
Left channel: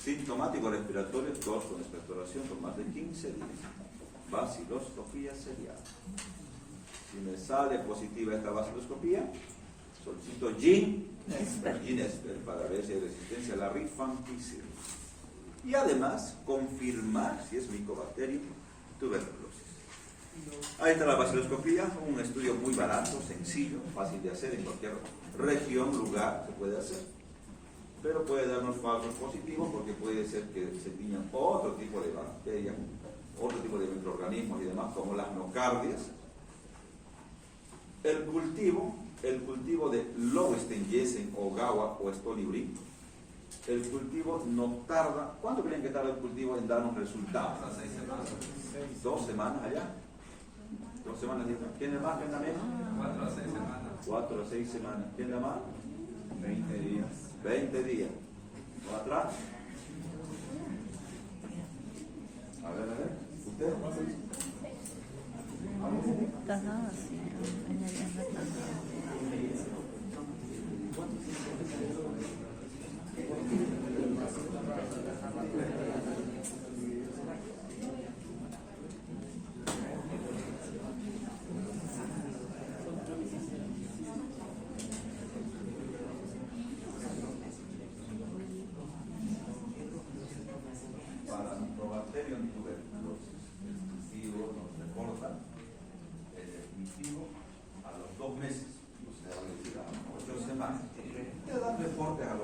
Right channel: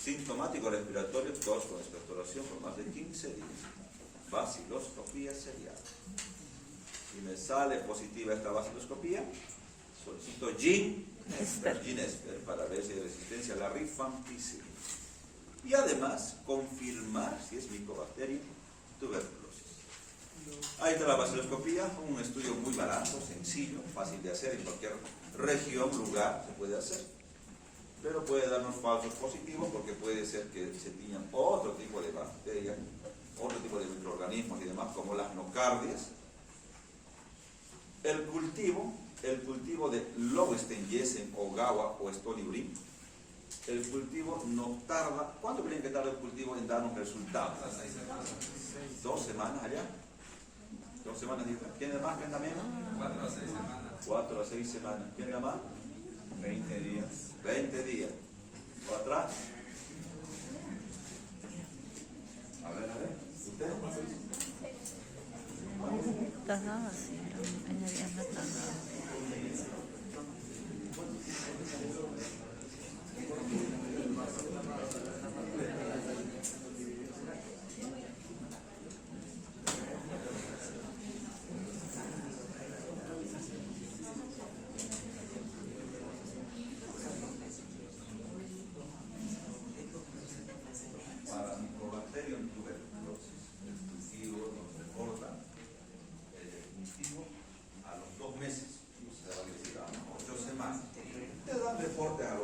Sintomático respiratorio, tos con expectoración por más de 15 días. Baciloscopía seriada. Si me sale positiva esta baciloscopía, solicito GeneXpert para ver si hay resistencia a la rifampicina. Y además confirmar si es Mycobacterium tuberculosis. Ahí está la baciloscopía, un estudio muy barato, sencillo, fácil de hacer en cualquier región, lugar, se puede hacer. Pero puede darnos falsos positivos porque puede ser que se tiñan otro tipo de bacterias, otro tipo de microorganismos y demás, como las nocardias. El cultivo de Lowenstein-Jessen o Gawa o Stolibrin, el cultivo no tarda. ¿Cuánto creen que tarda el cultivo en darnos resultados? 6 semanas. 2 semanas allá. 2 semanas. ¿Quién da más? ¿Quién da menos? 4 a 6 semanas. 4 a 6 semanas. ¿Quién da más? 20 días. 20 días. ¿O atrás? A ver. ¿Usted? Tajada, sí, añadiendo tajada. Para Mycobacterium tuberculosis, el cultivo nos reporta el definitivo a los 2 meses, o sea, a 8 semanas. Te dan reportes a los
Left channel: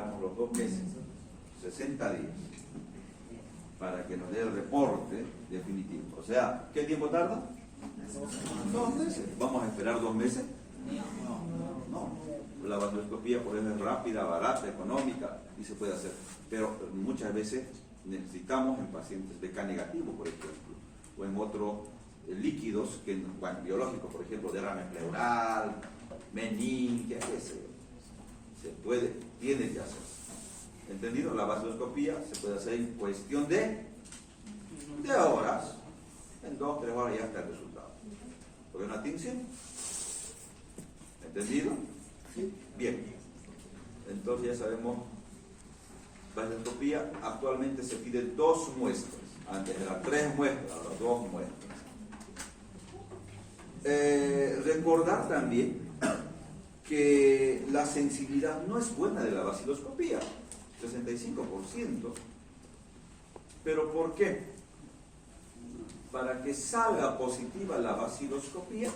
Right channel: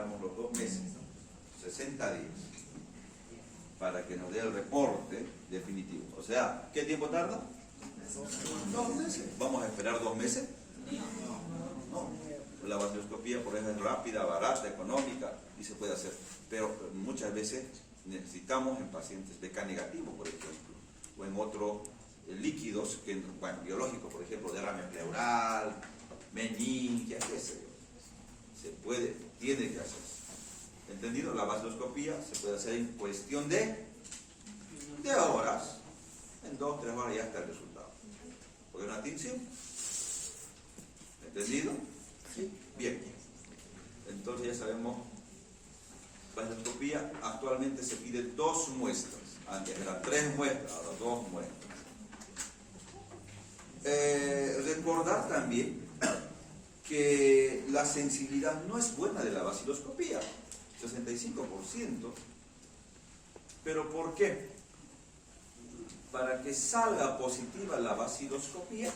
esperamos los 2 meses, 60 días, para que nos dé el reporte definitivo. O sea, ¿qué tiempo tarda? 2 meses. ¿Vamos a esperar 2 meses? No. La vaciloscopía, por ejemplo, es rápida, barata, económica y se puede hacer. Pero muchas veces necesitamos en pacientes BK negativo, por ejemplo, o en otros líquidos biológicos, por ejemplo, derrame pleural, meningia, qué sé yo. Se puede, tiene que hacer. ¿Entendido? La vaciloscopía se puede hacer en cuestión de horas. En 2 3 horas ya está el resultado. ¿Porque una tinción? ¿Entendido? ¿Sí? Bien. Entonces ya sabemos, la vaciloscopía actualmente se pide 2 muestras. Antes eran 3 muestras, ahora 2 muestras. Recordar también que la sensibilidad no es buena de la vaciloscopía, 65%. ¿Pero por qué? Para que salga positiva la vaciloscopía,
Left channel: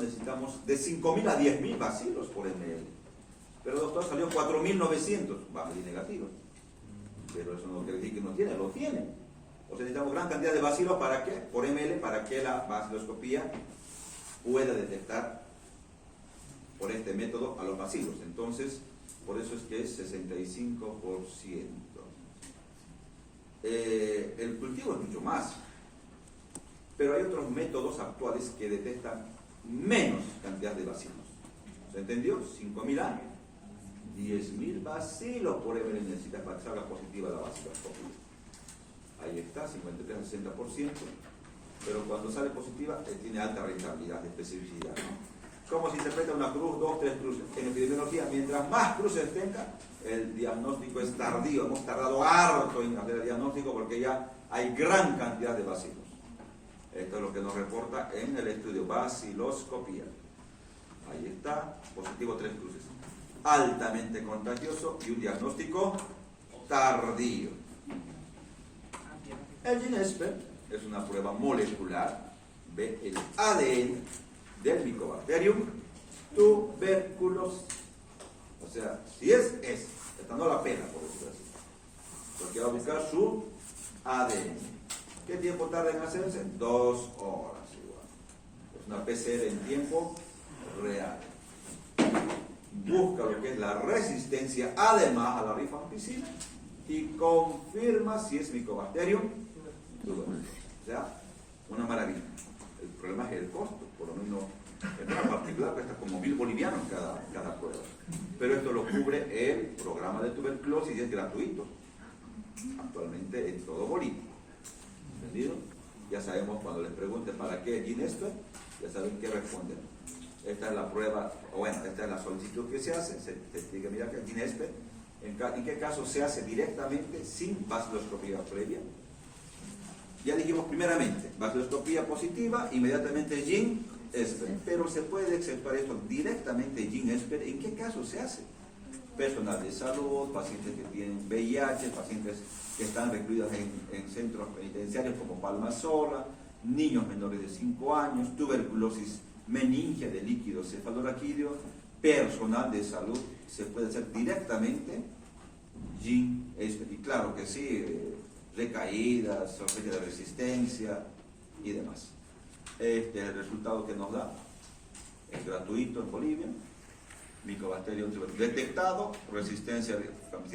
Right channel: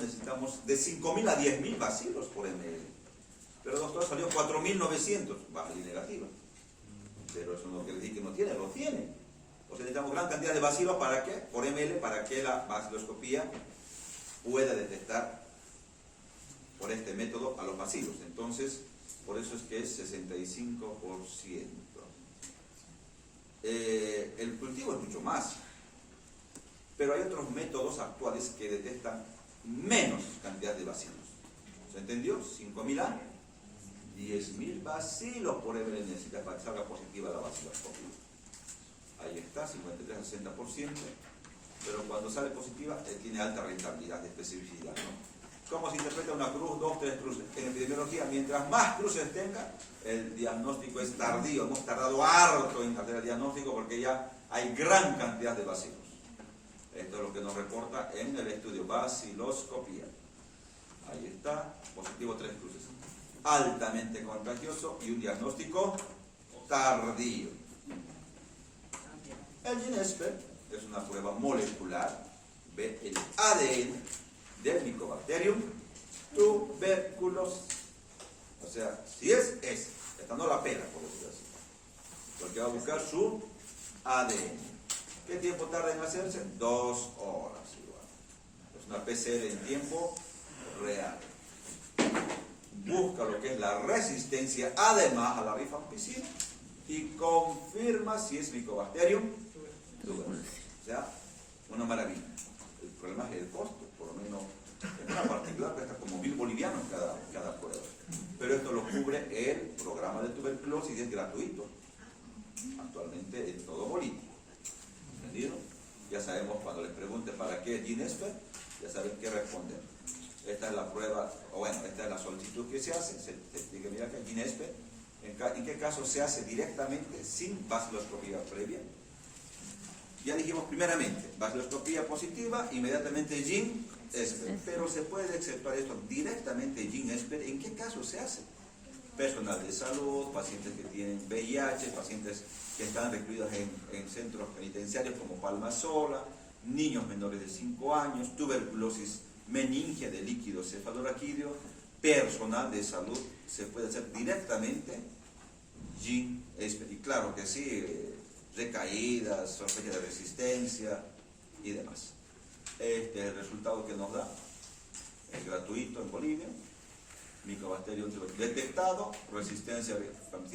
necesitamos de 5.000 a 10.000 bacilos por ml. Pero doctor, salió 4.900, va a salir negativo. Pero eso no quiere decir que no tiene, lo tiene. O sea, necesitamos gran cantidad de bacilos, ¿para qué? Por ml, para que la vaciloscopía pueda detectar por este método a los bacilos. Entonces, por eso es que es 65%. El cultivo es mucho más, pero hay otros métodos actuales que detectan menos cantidad de bacilos. ¿Se entendió? 5.000 a 10.000 bacilos por ml necesita para que salga positiva la vaciloscopía. Ahí está, 53 al 60%, pero cuando sale positiva tiene alta rentabilidad de especificidad, ¿no? ¿Cómo se interpreta una cruz, 2, 3 cruces? En epidemiología, mientras más cruces tenga, el diagnóstico es tardío. Hemos tardado harto en hacer el diagnóstico porque ya hay gran cantidad de bacilos. Esto es lo que nos reporta en el estudio vaciloscopía. Ahí está, positivo 3 cruces. Altamente contagioso y un diagnóstico tardío. El GeneSPER es una prueba molecular, ve el ADN del Mycobacterium tuberculosis. O sea, si es, esta no la pena, por decirlo así, porque va a buscar su ADN. ¿Qué tiempo tarda en hacerse? 2 horas igual. Es una PCR en tiempo real. Busca lo que es la resistencia, además, a la rifampicina y confirma si es Mycobacterium tuberculosis. O sea, una maravilla. El problema es el costo, por lo menos en una particular cuesta como 1.000 bolivianos cada prueba. Pero esto lo cubre el programa de tuberculosis y es gratuito actualmente en todo Bolivia. ¿Entendido? Ya sabemos, cuando les pregunten para qué GeneSPER, ya saben qué responder. Esta es la prueba, o bueno, esta es la solicitud que se hace. Se dice, mira que GeneSPER, ¿en qué caso se hace directamente sin vaciloscopía previa? Ya dijimos primeramente, vaciloscopía positiva, inmediatamente GeneSPER, pero se puede exceptuar esto directamente GeneSPER. ¿En qué caso se hace? Personal de salud, pacientes que tienen VIH, pacientes que están recluidos en centros penitenciarios como Palma Sola, niños menores de 5 años, tuberculosis meningia de líquido cefalorraquídeo, personal de salud, se puede hacer directamente GeneSPER. Y claro que sí, recaídas, sospecha de resistencia y demás. Este es el resultado que nos da. Es gratuito en Bolivia. Mycobacterium detectado, resistencia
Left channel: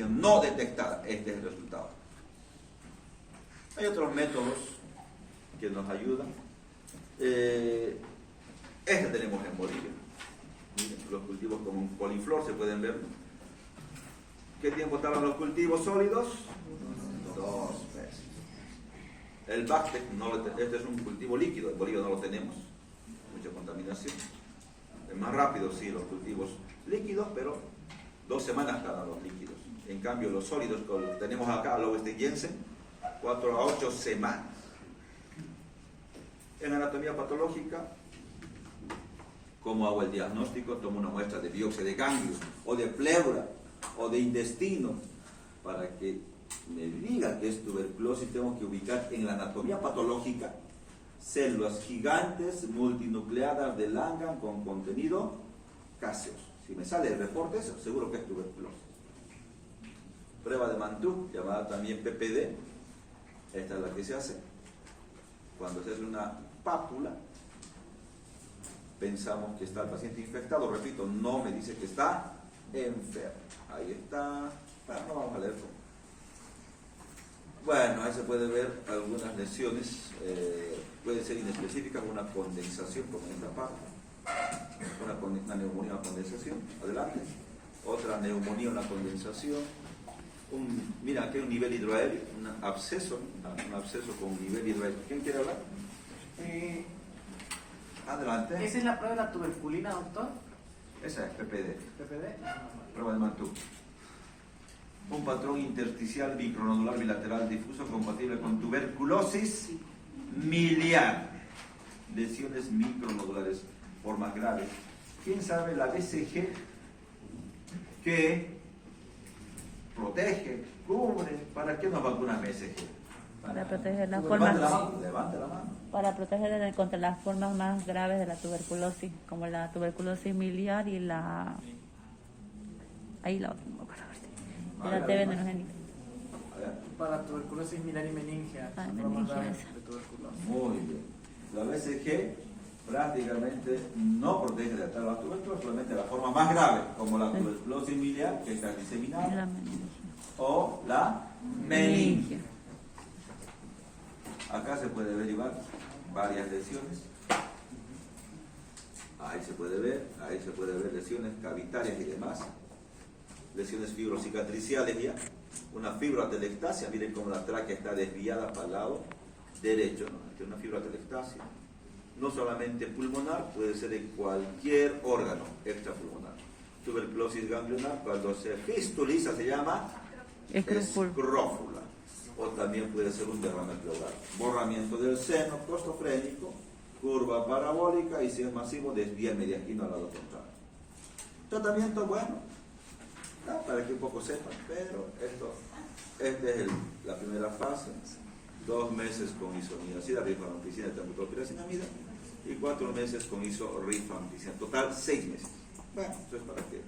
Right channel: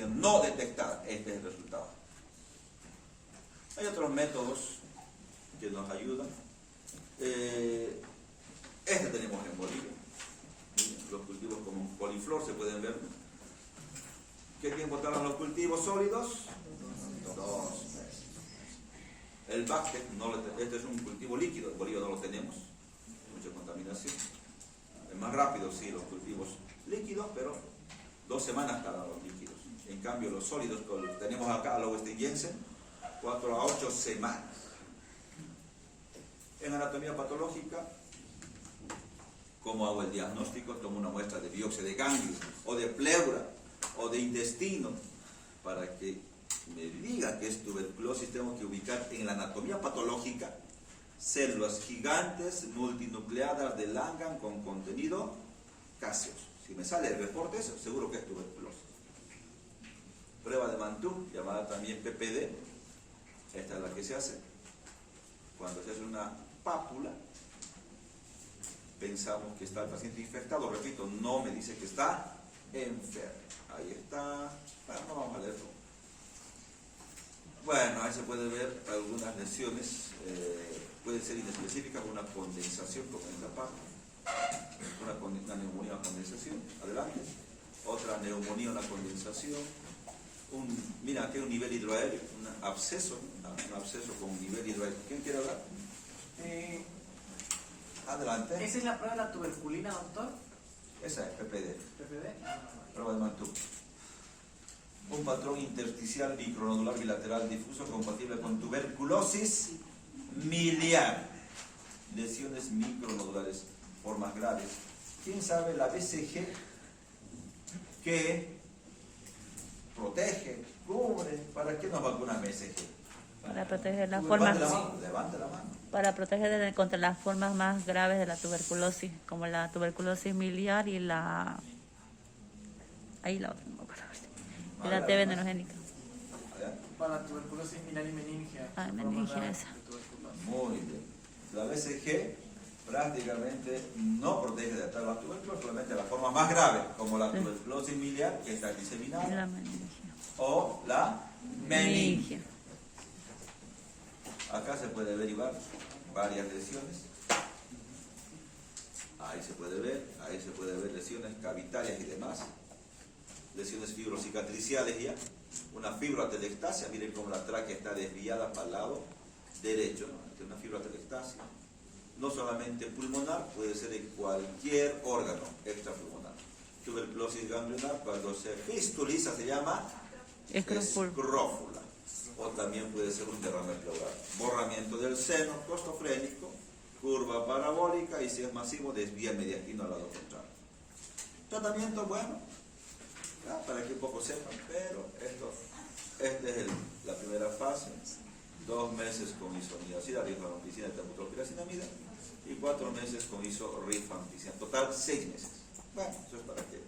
no detectada. Este es el resultado. Hay otros métodos que nos ayudan. Este tenemos en Bolivia. Los cultivos como un coliflor se pueden ver. ¿Qué tiempo tardan los cultivos sólidos? 2 meses. El Bactec, este es un cultivo líquido, en Bolivia no lo tenemos. Mucha contaminación. Es más rápido, sí, los cultivos líquidos, pero 2 semanas tardan los líquidos. En cambio, los sólidos que tenemos acá, los Jensen, 4 a 8 semanas. En anatomía patológica, ¿cómo hago el diagnóstico? Tomo una muestra de biopsia de ganglios, o de pleura, o de intestino, para que me diga que es tuberculosis. Tengo que ubicar en la anatomía patológica células gigantes multinucleadas de Langhans con contenido caseoso. Si me sale el reporte, eso seguro que es tuberculosis. Prueba de Mantoux, llamada también PPD, esta es la que se hace. Cuando se hace una pápula, pensamos que está el paciente infectado, repito, no me dice que está enfermo. Ahí está, bueno, no vamos a leerlo. Bueno, ahí se puede ver algunas lesiones, pueden ser inespecíficas, una condensación como en esta parte, una neumonía, una condensación, adelante, otra neumonía, una condensación, mira, aquí hay un nivel hidroaéreo, un absceso con un nivel hidroaéreo. ¿Quién quiere hablar? Adelante. ¿Esa es la prueba de la tuberculina, doctor? Esa es PPD, ¿PPD? prueba de Mantoux. Un patrón intersticial bicronodular bilateral difuso compatible con tuberculosis miliar. Lesiones micronodulares, formas graves. ¿Quién sabe la BCG que protege, cubre? ¿Para qué nos vacuna BCG? Para proteger las Levante la formas, mano, levante la mano. para proteger contra las formas más graves de la tuberculosis, como la tuberculosis miliar y la... Ahí la otra, no me acuerdo. Y la TB neurogénica. Para tuberculosis miliar y meningea. Ah, son formas meningia, graves esa. de tuberculosis. Muy bien. La BCG prácticamente no protege de tal tuberculosis, solamente la forma más grave, como la tuberculosis miliar, que está diseminada, La meningia. o la meningia. Acá se puede ver igual varias lesiones. Ahí se puede ver lesiones cavitarias y demás. Lesiones fibrocicatriciales ya. Una fibroatelectasia, miren cómo la tráquea está desviada para el lado derecho, ¿no? Aquí una fibroatelectasia. No solamente pulmonar, puede ser en cualquier órgano extrapulmonar. Tuberculosis ganglionar, cuando se fistuliza se llama escrófula. O también puede ser un derrame pleural. Borramiento del seno costofrénico, curva parabólica, y si es masivo, desvía el mediastino al lado contrario. Tratamiento, bueno, para que un poco sepan, pero esta es la primera fase. 2 meses con isoniazida, rifampicina, termoclopiracinamida, y 4 meses con isorifampicina. Total, 6 meses. Bueno, eso es para que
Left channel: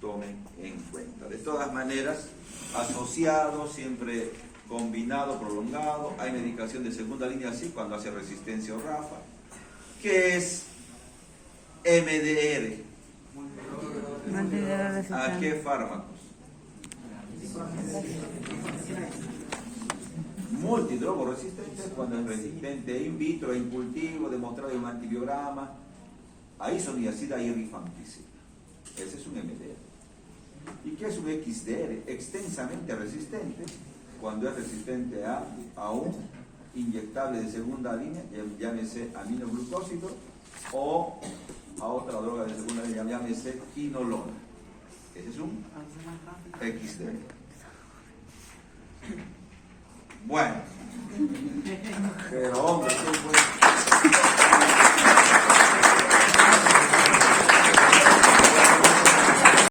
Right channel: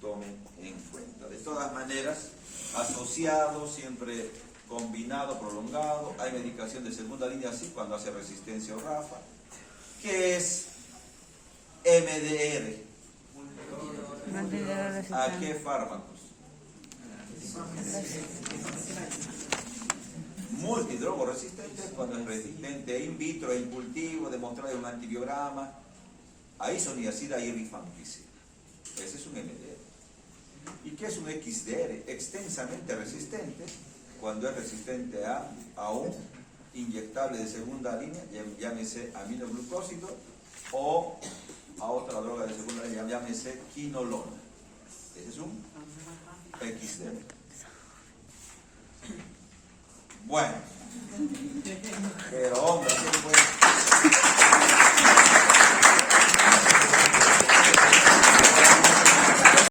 tomen en cuenta. De todas maneras, asociado, siempre combinado, prolongado. Hay medicación de segunda línea, sí, cuando hace resistencia o RAFA, que es MDR. ¿A qué fármacos? Multidrogo resistente, cuando es resistente in vitro, in cultivo, demostrado en un antibiograma, a isoniazida y rifampicina. Ese es un MDR. ¿Y qué es un XDR? Extensamente resistente, cuando es resistente a un inyectable de segunda línea, llámese aminoglucósido, o a otra droga de segunda línea, llámese quinolona. Ese es un XDR. Bueno, pero hombre,